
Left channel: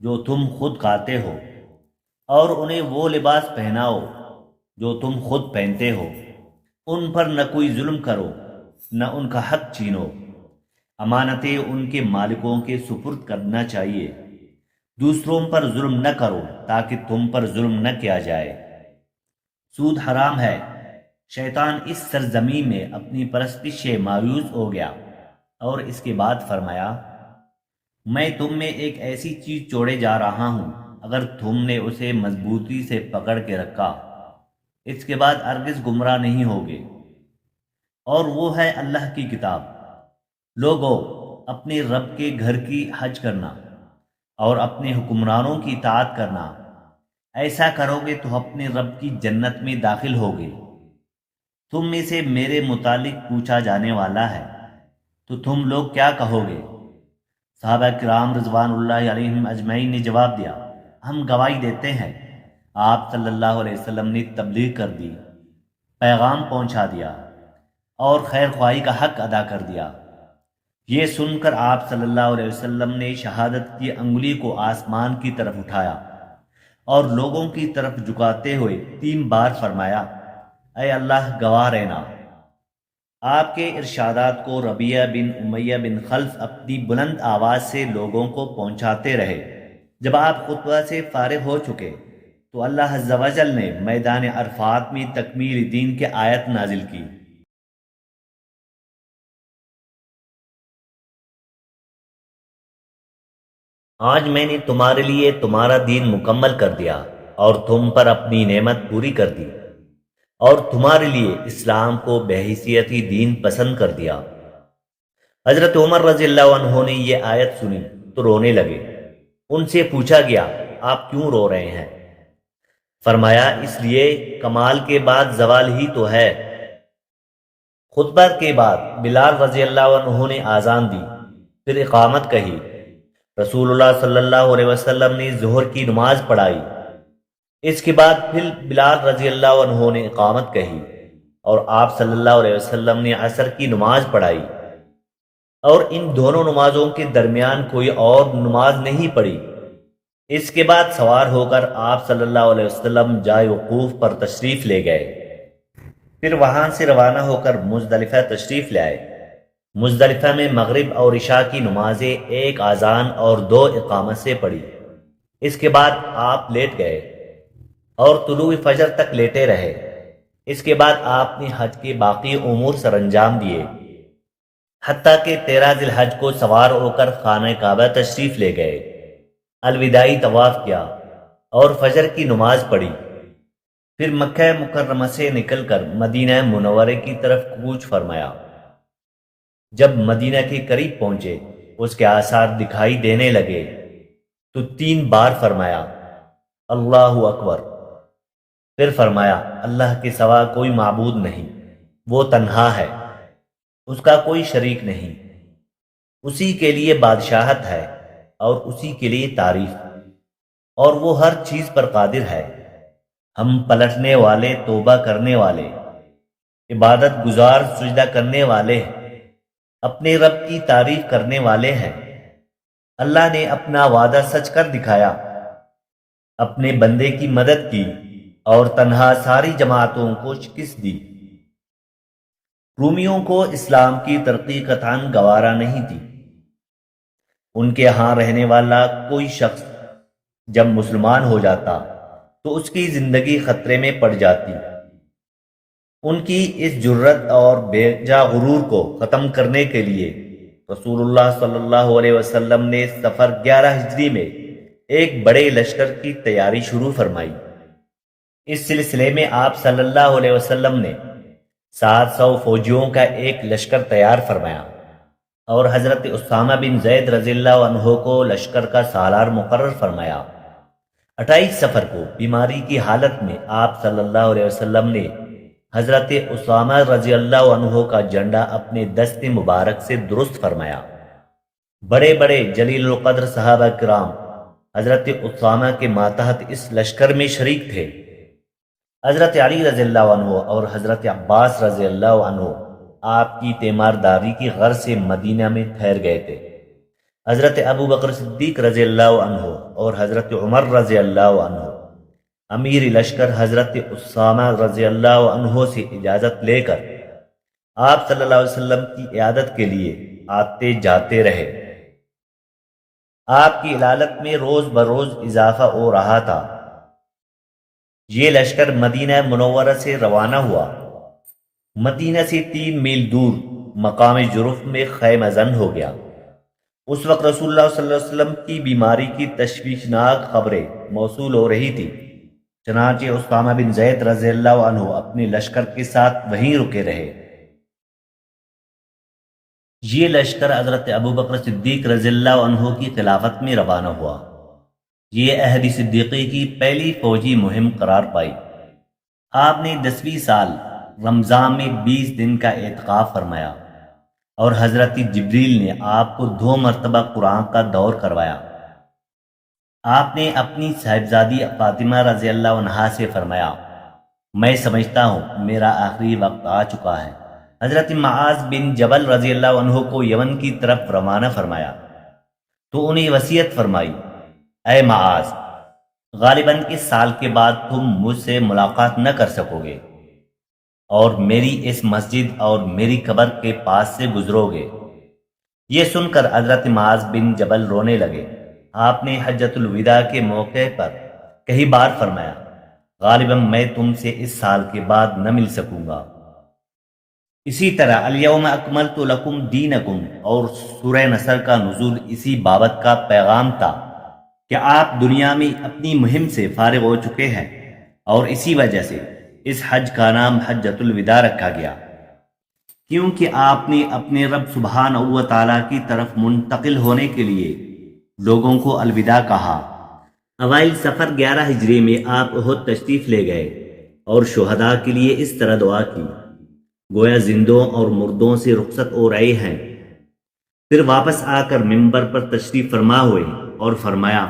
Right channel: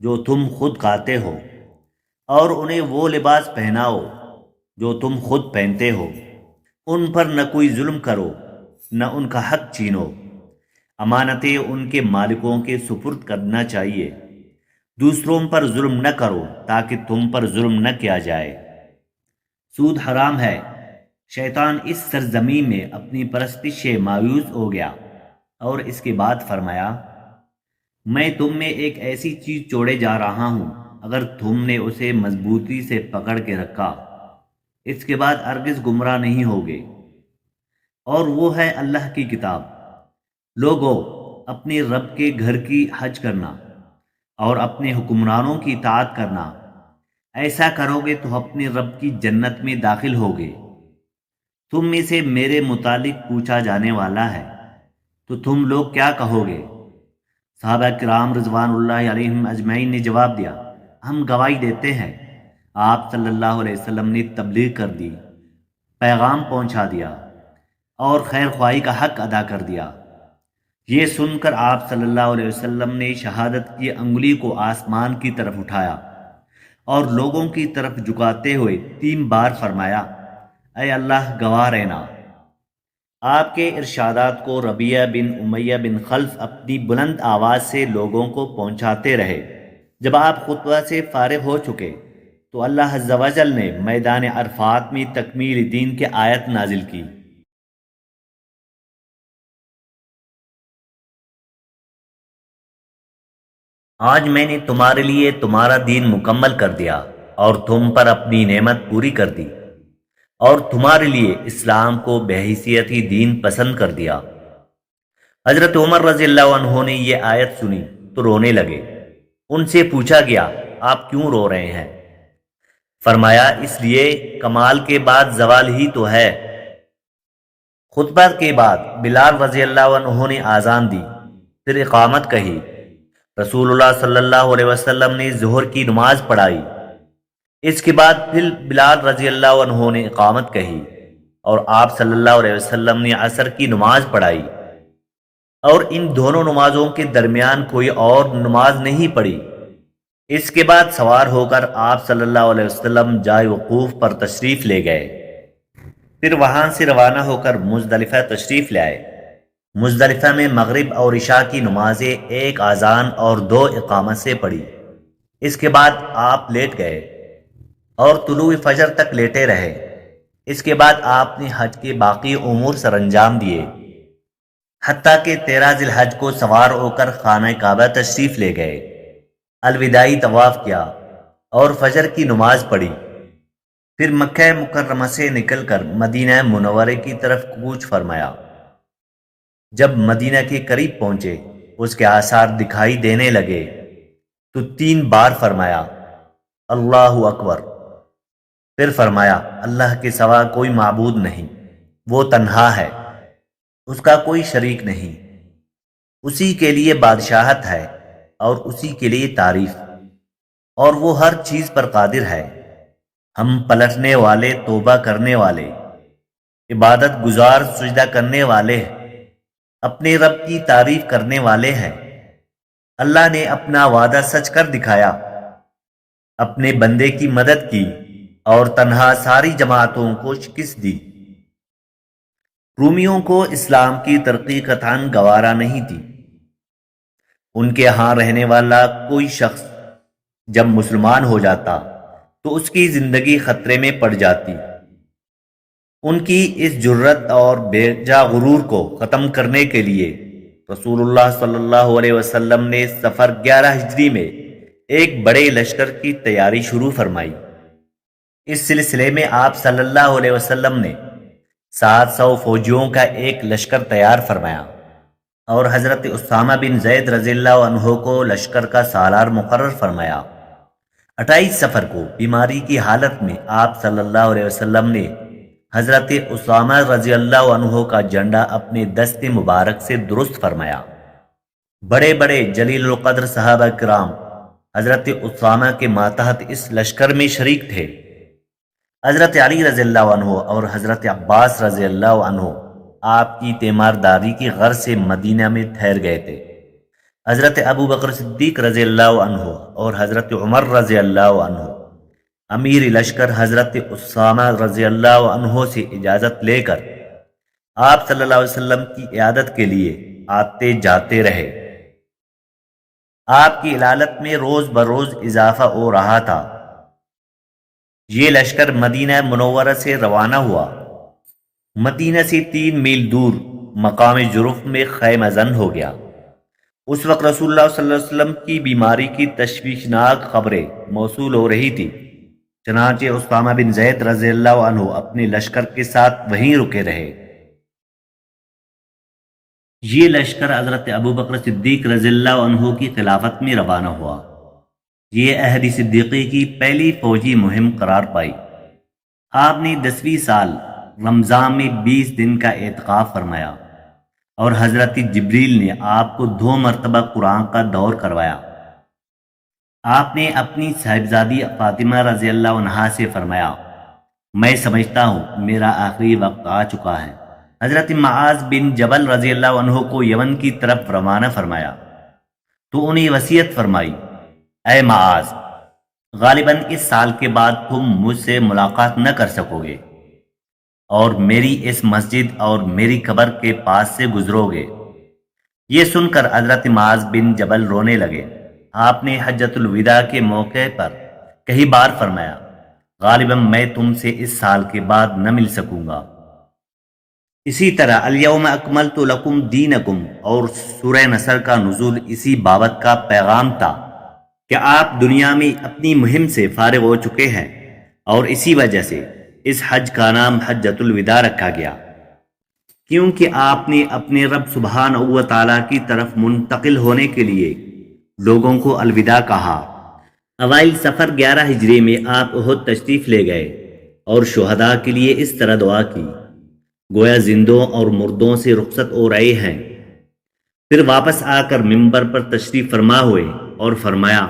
جو تم خود کھاتے ہو اور انہیں وہ لباس پہناؤ جو تم خود پہنتے ہو، ان پر نہ کوئی ظلم کرو نہ ان کا حق چھینو، امانتیں ان کے مالکوں کے سپرد کرنا چاہیے، دوسروں پر ظلم نہ کرو تاکہ تم پر ظلم نہ کیا جائے۔ سود حرام ہے۔ شیطان اس سرزمین میں اپنی پرستش سے مایوس ہو گیا اور اس کے بعد فرمایا، میں تم میں ایک ایسی چیز چھوڑے جا رہا ہوں، اگر تم نے اسے مضبوطی سے پکڑ کے رکھا اس کے بعد ہرگز گمراہ نہیں ہوگے، اور وہ ہے اللہ کی کتاب۔ لوگو، اپنے رب کے گھر کی حج کرنا اور اپنے حکمرانوں کی اطاعت کرنا، ایسا کرو گے تو اپنے رب کی جنت میں داخل ہوگے۔ تم میں سے میرے متعلق پوچھا جانے والا ہے تو تم لوگ کیا کہو گے؟ صحابہ کرام رضوان اللہ علیہم اجمعین نے جواب دیا، ہم گواہی دیتے ہیں آپ صلی اللہ علیہ وسلم نے تبلیغ کر دی، پیغام پہنچا دیا اور خیر خواہی کا حق ادا کر دیا۔ یہ سن کر آپ صلی اللہ علیہ وسلم نے شہادت کی انگلی کو آسمان کی طرف اٹھایا اور لوگوں کی طرف جھکاتے ہوئے 3 بار فرمایا، اے اللہ گواہ رہنا۔ آپ کے ارشادات کو ربیعہ بن امیہ بن خلف اپنی بلند آواز سے لوگوں کو پہنچاتے رہے۔ جب آپ خطبہ سے فارغ ہو چکے تو اللہ عز و جل نے میدان عرفات میں تکمیل دین کی آیت نازل کی۔ آج میں نے تمہارے لیے تمہارا دین مکمل کر دیا اور تم پر اپنی نعمت پوری کر دی، اور تمہارے لیے اسلام کو بحیثیتی دین پسند کر دیا۔ حضرت عمر رضی اللہ عنہ نے یہ آیت سنی تو رونے لگے۔ ان سے پوچھا گیا، آپ کیوں رو رہے ہیں؟ فرمایا، اس لیے کمال کے بعد زوال ہی تو ہے۔ خطبہ کے بعد بلال رضی اللہ عنہ نے آذان دی، پھر اقامت کہی۔ رسول اللہ صلی اللہ علیہ وسلم نے ظہر کی نماز پڑھائی، اس کے بعد پھر بلال رضی اللہ عنہ نے اقامت کہی، اور آپ صلی اللہ علیہ وسلم نے عصر کی نماز پڑھائی، اور ان دونوں نمازوں کے درمیان کوئی اور نماز نہیں پڑھی۔ اس کے بعد سوار ہو کر آپ صلی اللہ علیہ وسلم جائے وقوف پر تشریف لے گئے، پھر وہاں سے روانہ ہو کر مزدلفہ تشریف لے آئے۔ مزدلفہ میں مغرب اور عشاء کی نمازیں 1 اذان اور 2 اقامت سے پڑھی۔ اس کے بعد آپ لیٹ گئے اور طلوع فجر تک لیٹے رہے۔ اس کے بعد آپ نے حج کے باقی امور سر انجام دیے، حتیٰ کہ 13 ذی الحج کو سوار ہو کر خانہ کعبہ تشریف لے گئے، الوداعی طواف کیا اور فجر کی نماز پڑھی، پھر مکہ مکرمہ سے نکل کر مدینہ منورہ کی طرف کوچ فرمایا۔ جب مدینہ کے قریب پہنچے، اس کے آثار دکھائی دینے لگے تو 3 بار فرمایا، اللہ اکبر۔ پھر فرمایا، اللہ کے سوا کوئی معبود نہیں، وہ تنہا ہے، اس کا کوئی شریک نہیں، اسی کے لیے بادشاہت ہے اور اسی کے لیے تعریف، اور وہ ہر چیز پر قادر ہے۔ ہم پلٹنے والے، توبہ کرنے والے، عبادت گزار، سجدہ کرنے والے، اپنے رب کی تعریف کرنے والے ہیں۔ اللہ نے اپنا وعدہ سچ کر دکھایا، اپنے بندے کی مدد کی اور تنہا ساری جماعتوں کو شکست دی۔ رومیوں کو اسلام کی ترقی قطعاً گوارا نہیں تھی۔ ان کے ہاں رہنے والا کوئی شخص جب مسلمان ہو جاتا تو اس کی زندگی خطرے میں پڑ جاتی۔ ان کی اس جرت اور بے جا غرور کو ختم کرنے کے لیے رسول اللہ صلی اللہ علیہ وسلم نے سفر 11 ہجری میں ایک بڑے لشکر کی تیاری شروع فرمائی۔ اس سلسلے میں آپ صلی اللہ علیہ وسلم نے 700 فوجیوں کا ایک لشکر تیار فرمایا اور حضرت اسامہ بن زید رضی اللہ عنہ کو لشکر کا سالار مقرر فرمایا۔ 28 سفر کو بیماری کی حالت میں آپ صلی اللہ علیہ وسلم نے حضرت اسامہ رضی اللہ عنہ کا جھنڈا اپنے دست مبارک سے درست فرمایا۔ بڑے بڑے جلیل القدر صحابہ کرام حضرت اسامہ کے ماتحت اس لشکر میں شریک تھے۔ حضرت علی رضی اللہ عنہ اور حضرت عباس رضی اللہ عنہ آپ کی تیمارداری کی غرض سے مدینہ میں ٹھہر گئے تھے۔ حضرت ابو بکر صدیق رضی اللہ عنہ اور حضرت عمر رضی اللہ عنہ امیر لشکر حضرت اسامہ رضی اللہ عنہ سے اجازت لے کر آپ صلی اللہ علیہ وسلم کی عیادت کے لیے آتے جاتے رہے۔ آپ کی علالت میں روز بروز اضافہ ہو رہا تھا۔ یہ لشکر مدینہ منورہ سے روانہ ہوا۔ مدینہ سے 3 میل دور مقام جرف میں خیمہ زن ہو گیا۔ اس وقت رسول اللہ صلی اللہ علیہ وسلم کی بیماری کی تشویشناک خبریں موصول ہو رہی تھی، چنانچہ اسامہ بن زید رضی اللہ عنہ اپنے لشکر کے ساتھ وہیں رکے رہے۔ یہ لشکر حضرت ابو بکر صدیق رضی اللہ عنہ کی خلافت میں روانہ ہوا۔ یہ عہد صدیقی کی پہلی فوجی مہم قرار پائی۔ آپ نے 10ویں سال رمضان میں 20 دن کا اعتکاف فرمایا اور حضرت جبریل نے آپ کو 2 مرتبہ قرآن کا دور کروایا۔ آپ نے اپنی صاحبزادی فاطمہ رضی اللہ عنہا سے فرمایا، میں سمجھتا ہوں میرا آخری وقت آ چکا ہے۔ حضرت معاذ بن جبل رضی اللہ عنہ کو یمن کی طرف روانہ فرمایا تو انہیں وصیت فرمائی، اے معاذ، غالباً اس سال کے بعد تم مجھ سے ملاقات نہ کر سکو گے اور میری اس مسجد اور میری قبر کے پاس سے گزرو گے۔ یہ سن کر حضرت معاذ بن جبل رونے لگے۔ آپ نے حجۃ الوداع کے موقع پر کئی بار فرمایا، غالباً میں تم سے اس سال کے بعد نہ مل سکوں گا۔ اسی طرح الیوم اکملت لکم دینکم اور سورہ نصر کا نزول اسی بابت کا پیغام تھا کہ آپ دنیا میں اپنی مہم سے فارغ ہو چکے ہیں، اور اسی وجہ سے اس حج کا نام حجۃ الوداع رکھا گیا، کیونکہ آپ نے اپنے رب سبحانہ و تعالیٰ کی طرف منتقل ہونے کے لیے لوگوں کو الوداع کہا۔ اوائل سفر 11 ہجری میں آپ احد تشریف لے گئے اور شہداء کے لیے اس طرح دعا کی، گویا زندوں اور مردوں سے رخصت ہو رہے ہیں۔ پھر واپس آ کر منبر پر تشریف فرما ہوئے اور فرمایا،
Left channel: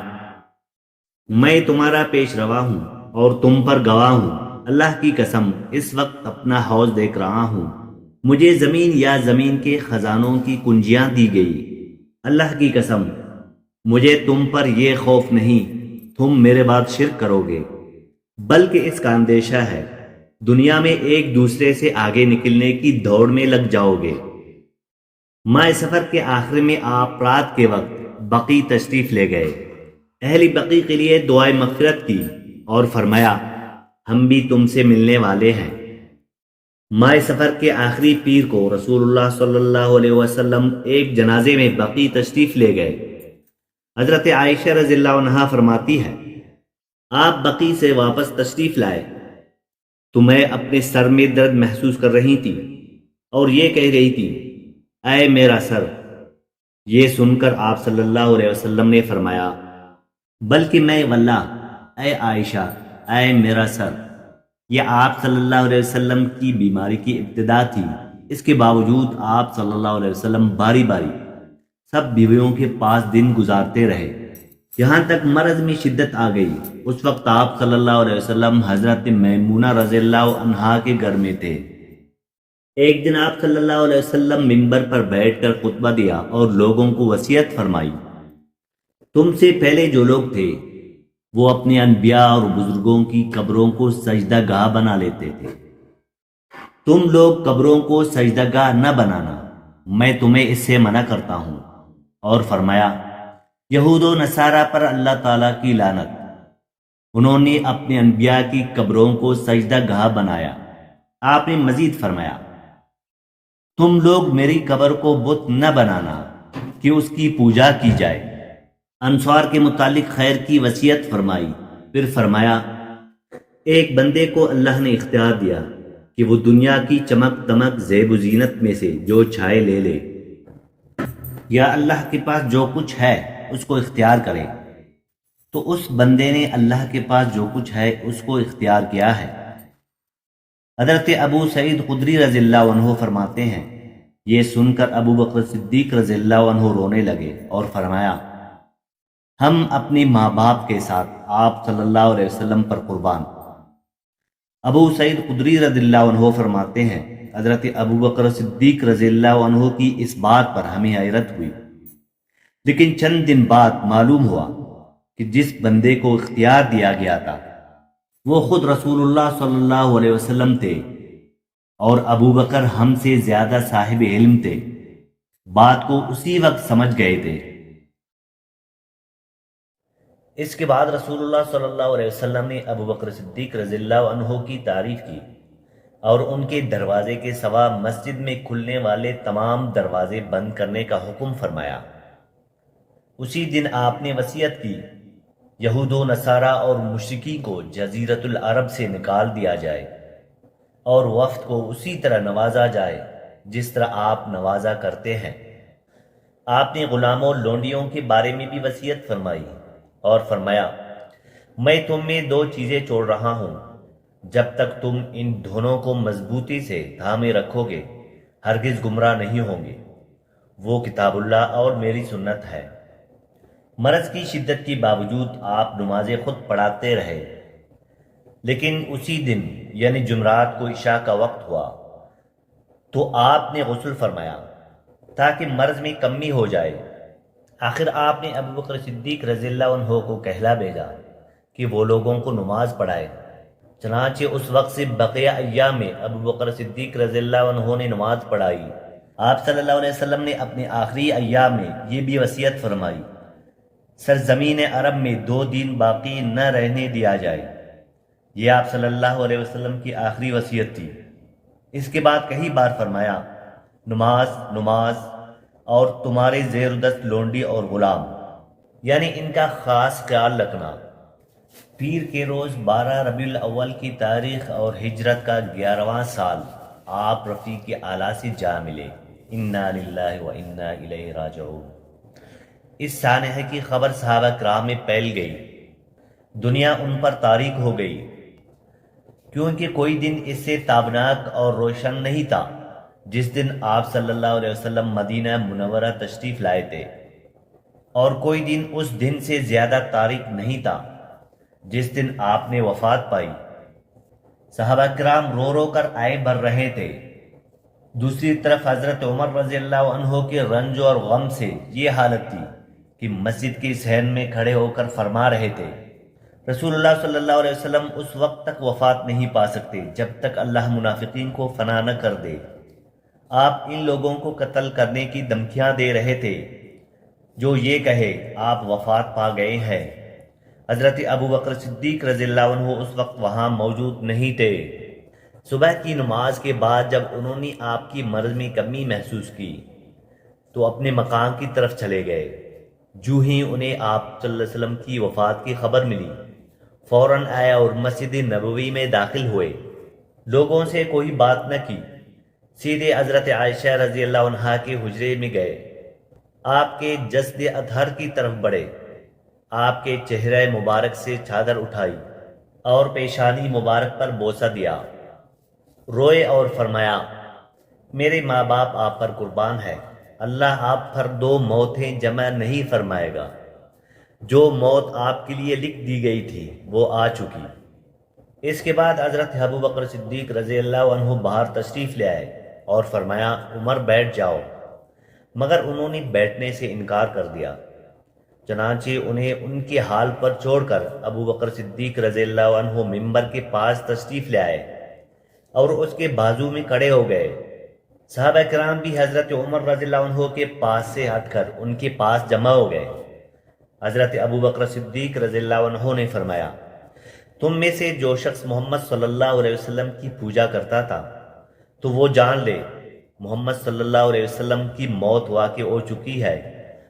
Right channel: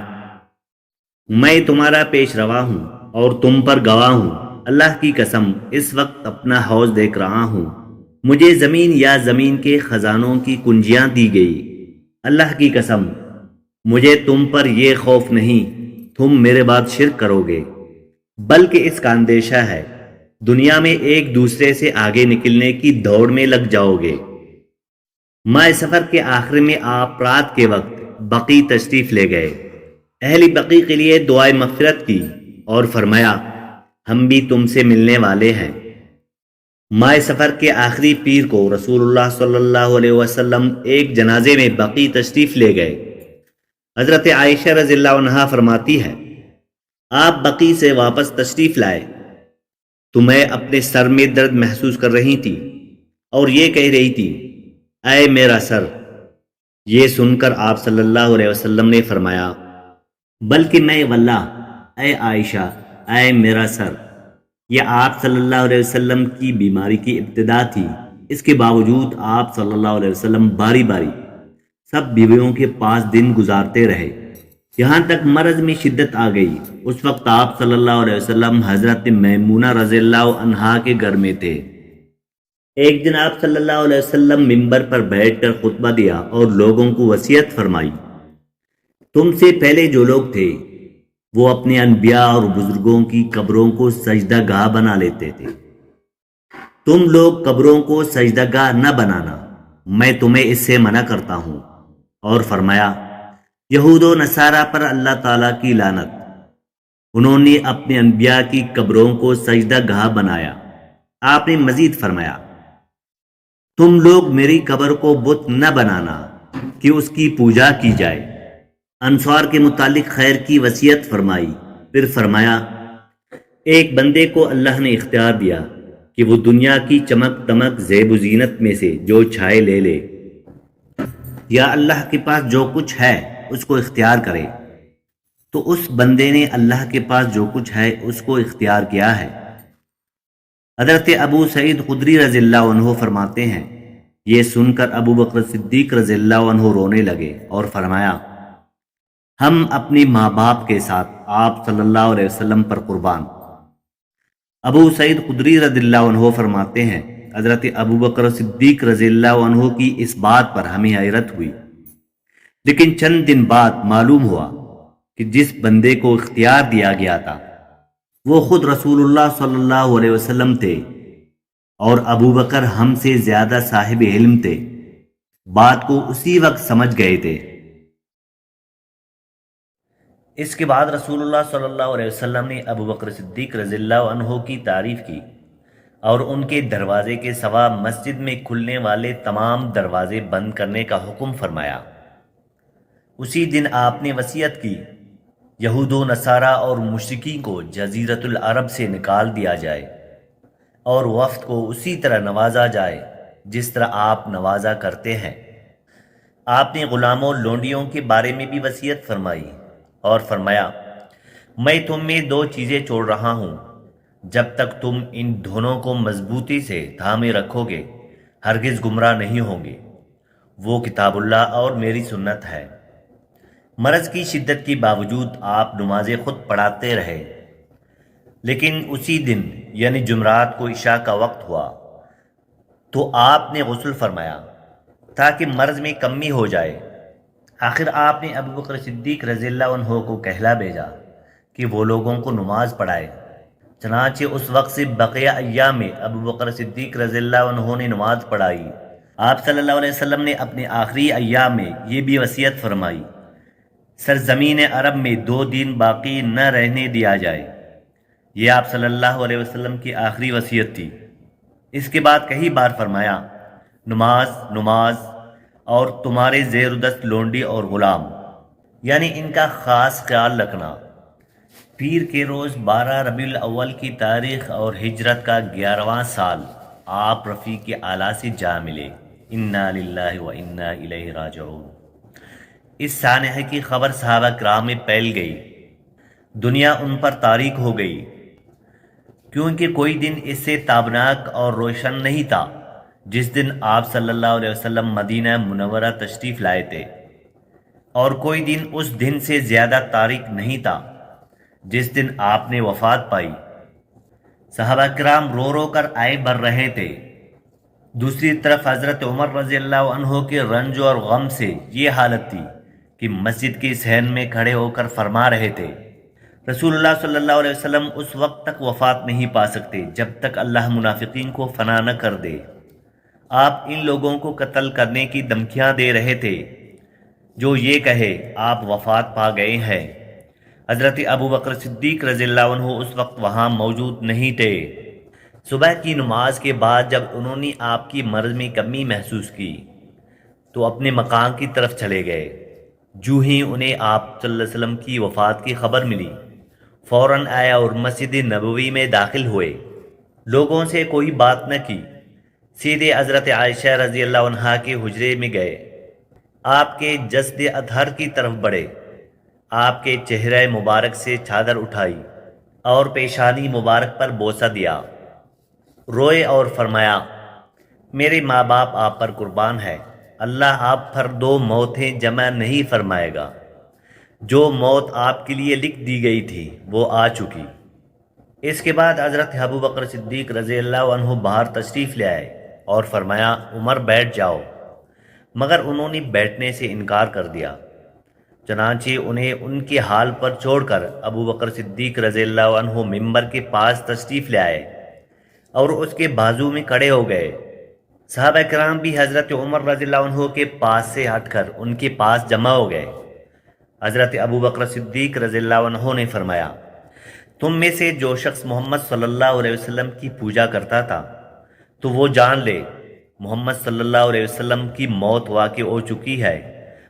میں تمہارا پیش روا ہوں اور تم پر گواہ ہوں، اللہ کی قسم اس وقت اپنا حوض دیکھ رہا ہوں، مجھے زمین یا زمین کے خزانوں کی کنجیاں دی گئی، اللہ کی قسم مجھے تم پر یہ خوف نہیں تم میرے بعد شرک کرو گے، بلکہ اس کا اندیشہ ہے دنیا میں ایک دوسرے سے آگے نکلنے کی دوڑ میں لگ جاؤ گے۔ ماہ سفر کے آخر میں آپ رات کے وقت بقی تشریف لے گئے، اہل بقی کے لیے دعائے مغفرت کی اور فرمایا، ہم بھی تم سے ملنے والے ہیں۔ ماہ سفر کے آخری پیر کو رسول اللہ صلی اللہ علیہ وسلم ایک جنازے میں بقی تشریف لے گئے۔ حضرت عائشہ رضی اللہ عنہا فرماتی ہے، آپ بقی سے واپس تشریف لائے تو میں اپنے سر میں درد محسوس کر رہی تھی اور یہ کہہ رہی تھی، اے میرا سر۔ یہ سن کر آپ صلی اللہ علیہ وسلم نے فرمایا، بلکہ میں واللہ اے عائشہ، اے میرا سر۔ یہ آپ صلی اللہ علیہ وسلم کی بیماری کی ابتدا تھی، اس کے باوجود آپ صلی اللہ علیہ وسلم باری باری سب بیویوں کے پاس دن گزارتے رہے، یہاں تک مرض میں شدت آ گئی۔ اس وقت آپ صلی اللہ علیہ وسلم حضرت میمونہ رضی اللہ عنہا کے گھر میں تھے۔ ایک دن آپ صلی اللہ علیہ وسلم منبر پر بیٹھ کر خطبہ دیا اور لوگوں کو وصیت فرمائی، تم سے پہلے جو لوگ تھے وہ اپنے انبیاء اور بزرگوں کی قبروں کو سجدہ گاہ بنا لیتے تھے، تم لوگ قبروں کو سجدہ گاہ نہ بنانا، میں تمہیں اس سے منع کرتا ہوں۔ اور فرمایا، یہود و نصارہ پر اللہ تعالیٰ کی لعنت، انہوں نے اپنے انبیاء کی قبروں کو سجدہ گاہ بنایا۔ آپ نے مزید فرمایا، تم لوگ میری قبر کو بت نہ بنانا کہ اس کی پوجا کی جائے۔ انصار کے متعلق خیر کی وصیت فرمائی، پھر فرمایا، ایک بندے کو اللہ نے اختیار دیا کہ وہ دنیا کی چمک دمک زیب و زینت میں سے جو چاہے لے لے، یا اللہ کے پاس جو کچھ ہے اس کو اختیار کرے، تو اس بندے نے اللہ کے پاس جو کچھ ہے اس کو اختیار کیا ہے۔ حضرت ابو سعید خدری رضی اللہ عنہ فرماتے ہیں، یہ سن کر ابو بکر صدیق رضی اللہ عنہ رونے لگے اور فرمایا، ہم اپنی ماں باپ کے ساتھ آپ صلی اللہ علیہ وسلم پر قربان۔ ابو سعید خدری رضی اللہ عنہ فرماتے ہیں، حضرت ابو بکر صدیق رضی اللہ عنہ کی اس بات پر ہمیں حیرت ہوئی، لیکن چند دن بعد معلوم ہوا کہ جس بندے کو اختیار دیا گیا تھا وہ خود رسول اللہ صلی اللہ علیہ وسلم تھے اور ابو بکر ہم سے زیادہ صاحب علم تھے، بات کو اسی وقت سمجھ گئے تھے۔ اس کے بعد رسول اللہ صلی اللہ علیہ وسلم نے ابو بکر صدیق رضی اللہ عنہ کی تعریف کی اور ان کے دروازے کے سوا مسجد میں کھلنے والے تمام دروازے بند کرنے کا حکم فرمایا۔ اسی دن آپ نے وصیت کی، یہود و نصارہ اور مشرکین کو جزیرۃ العرب سے نکال دیا جائے اور وفد کو اسی طرح نوازا جائے جس طرح آپ نوازا کرتے ہیں۔ آپ نے غلاموں لونڈیوں کے بارے میں بھی وصیت فرمائی اور فرمایا، میں تم میں دو چیزیں چھوڑ رہا ہوں، جب تک تم ان دونوں کو مضبوطی سے تھامے رکھو گے ہرگز گمراہ نہیں ہوں گے، وہ کتاب اللہ اور میری سنت ہے۔ مرض کی شدت کے باوجود آپ نمازیں خود پڑھاتے رہے، لیکن اسی دن یعنی جمعرات کو عشاء کا وقت ہوا تو آپ نے غسل فرمایا تاکہ مرض میں کمی ہو جائے۔ آخر آپ نے ابو بکر صدیق رضی اللہ عنہ کو کہلا بھیجا کہ وہ لوگوں کو نماز پڑھائے۔ چنانچہ اس وقت سے بقیہ ایام میں ابو بکر صدیق رضی اللہ عنہ نے نماز پڑھائی۔ آپ صلی اللہ علیہ وسلم نے اپنے آخری ایام میں یہ بھی وصیت فرمائی، سرزمین عرب میں 2 دن باقی نہ رہنے دیا جائے۔ یہ آپ صلی اللہ علیہ وسلم کی آخری وصیت تھی۔ اس کے بعد کئی بار فرمایا، نماز نماز اور تمہارے زیر دست لونڈی اور غلام، یعنی ان کا خاص خیال رکھنا۔ پیر کے روز 12 ربیع الاول کی تاریخ اور ہجرت کا 11واں سال آپ رفیق اعلیٰ سے جا ملے۔ انا للہ و انا الیہ راجعون۔ اس سانحہ کی خبر صحابہ کرام میں پھیل گئی، دنیا ان پر تاریک ہو گئی، کیونکہ کوئی دن اس سے تابناک اور روشن نہیں تھا جس دن آپ صلی اللہ علیہ وسلم مدینہ منورہ تشریف لائے تھے، اور کوئی دن اس دن سے زیادہ تاریک نہیں تھا جس دن آپ نے وفات پائی۔ صحابہ کرام رو رو کر آئے بھر رہے تھے۔ دوسری طرف حضرت عمر رضی اللہ عنہ کے رنج اور غم سے یہ حالت تھی کہ مسجد کے صحن میں کھڑے ہو کر فرما رہے تھے، رسول اللہ صلی اللہ علیہ وسلم اس وقت تک وفات نہیں پا سکتے جب تک اللہ منافقین کو فنا نہ کر دے۔ آپ ان لوگوں کو قتل کرنے کی دھمکیاں دے رہے تھے جو یہ کہے آپ وفات پا گئے ہیں۔ حضرت ابو بکر صدیق رضی اللہ عنہ اس وقت وہاں موجود نہیں تھے۔ صبح کی نماز کے بعد جب انہوں نے آپ کی مرض میں کمی محسوس کی تو اپنے مکان کی طرف چلے گئے۔ جو ہی انہیں آپ صلی اللہ علیہ وسلم کی وفات کی خبر ملی، فوراً آئے اور مسجد نبوی میں داخل ہوئے۔ لوگوں سے کوئی بات نہ کی، سیدھے حضرت عائشہ رضی اللہ عنہا کے حجرے میں گئے، آپ کے جسد اطہر کی طرف بڑھے، آپ کے چہرہ مبارک سے چادر اٹھائی اور پیشانی مبارک پر بوسہ دیا، روئے اور فرمایا، میرے ماں باپ آپ پر قربان ہے، اللہ آپ پر 2 موتیں جمع نہیں فرمائے گا۔ جو موت آپ کے لیے لکھ دی گئی تھی وہ آ چکی۔ اس کے بعد حضرت ابو بکر صدیق رضی اللہ عنہ باہر تشریف لے آئے اور فرمایا، عمر بیٹھ جاؤ، مگر انہوں نے بیٹھنے سے انکار کر دیا۔ چنانچہ انہیں ان کے حال پر چھوڑ کر ابو بکر صدیق رضی اللہ عنہ ممبر کے پاس تشریف لے آئے اور اس کے بازو میں کھڑے ہو گئے۔ صحابہ کرام بھی حضرت عمر رضی اللہ عنہ کے پاس سے ہٹ کر ان کے پاس جمع ہو گئے۔ حضرت ابو بکر صدیق رضی اللہ عنہ نے فرمایا، تم میں سے جو شخص محمد صلی اللہ علیہ وسلم کی پوجا کرتا تھا تو وہ جان لے محمد صلی اللہ علیہ وسلم کی موت واقع ہو چکی ہے،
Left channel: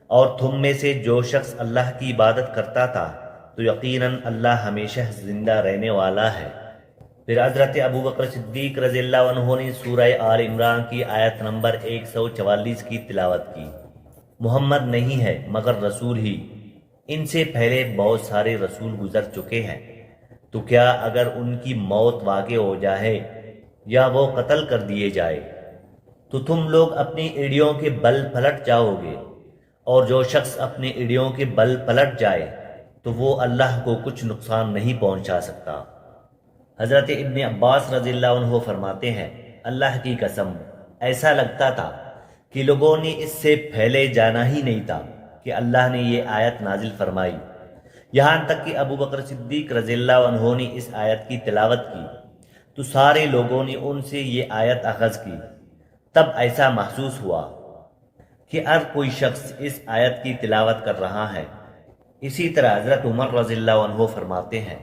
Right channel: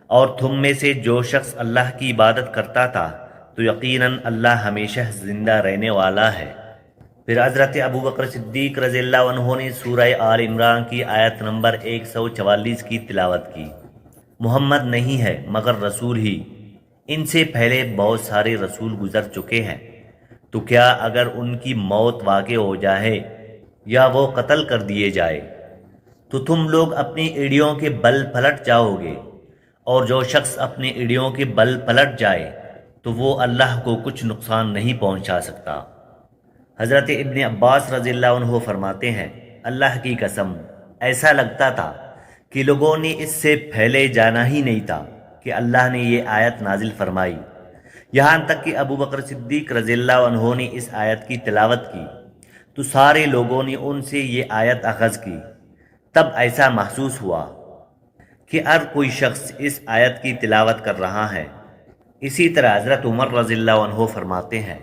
اور تم میں سے جو شخص اللہ کی عبادت کرتا تھا تو یقیناً اللہ ہمیشہ زندہ رہنے والا ہے۔ پھر حضرت ابو بکر صدیق رضی اللہ عنہ نے سورہ آل عمران کی آیت نمبر 144 کی تلاوت کی، محمد نہیں ہے مگر رسول ہی، ان سے پہلے بہت سارے رسول گزر چکے ہیں، تو کیا اگر ان کی موت واقع ہو جائے یا وہ قتل کر دیے جائے تو تم لوگ اپنی ایڑیوں کے بل پلٹ جاؤ گے، اور جو شخص اپنی ایڑیوں کے بل پلٹ جائے تو وہ اللہ کو کچھ نقصان نہیں پہنچا سکتا۔ حضرت ابن عباس رضی اللہ عنہ فرماتے ہیں، اللہ کی قسم ایسا لگتا تھا کہ لوگوں نے اس سے پہلے جانا ہی نہیں تھا کہ اللہ نے یہ آیت نازل فرمائی یہاں تک کہ ابو بکر صدیق رضی اللہ عنہ نے اس آیت کی تلاوت کی تو سارے لوگوں نے ان سے یہ آیت اخذ کی۔ تب ایسا محسوس ہوا کہ ہر کوئی شخص اس آیت کی تلاوت کر رہا ہے۔ اسی طرح حضرت عمر رضی اللہ عنہ فرماتے ہیں،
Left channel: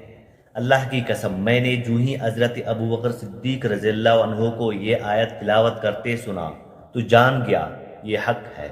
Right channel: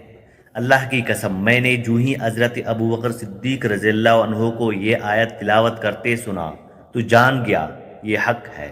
اللہ کی قسم میں نے جو ہی حضرت ابو بکر صدیق رضی اللہ عنہ کو یہ آیت تلاوت کرتے سنا تو جان گیا یہ حق ہے۔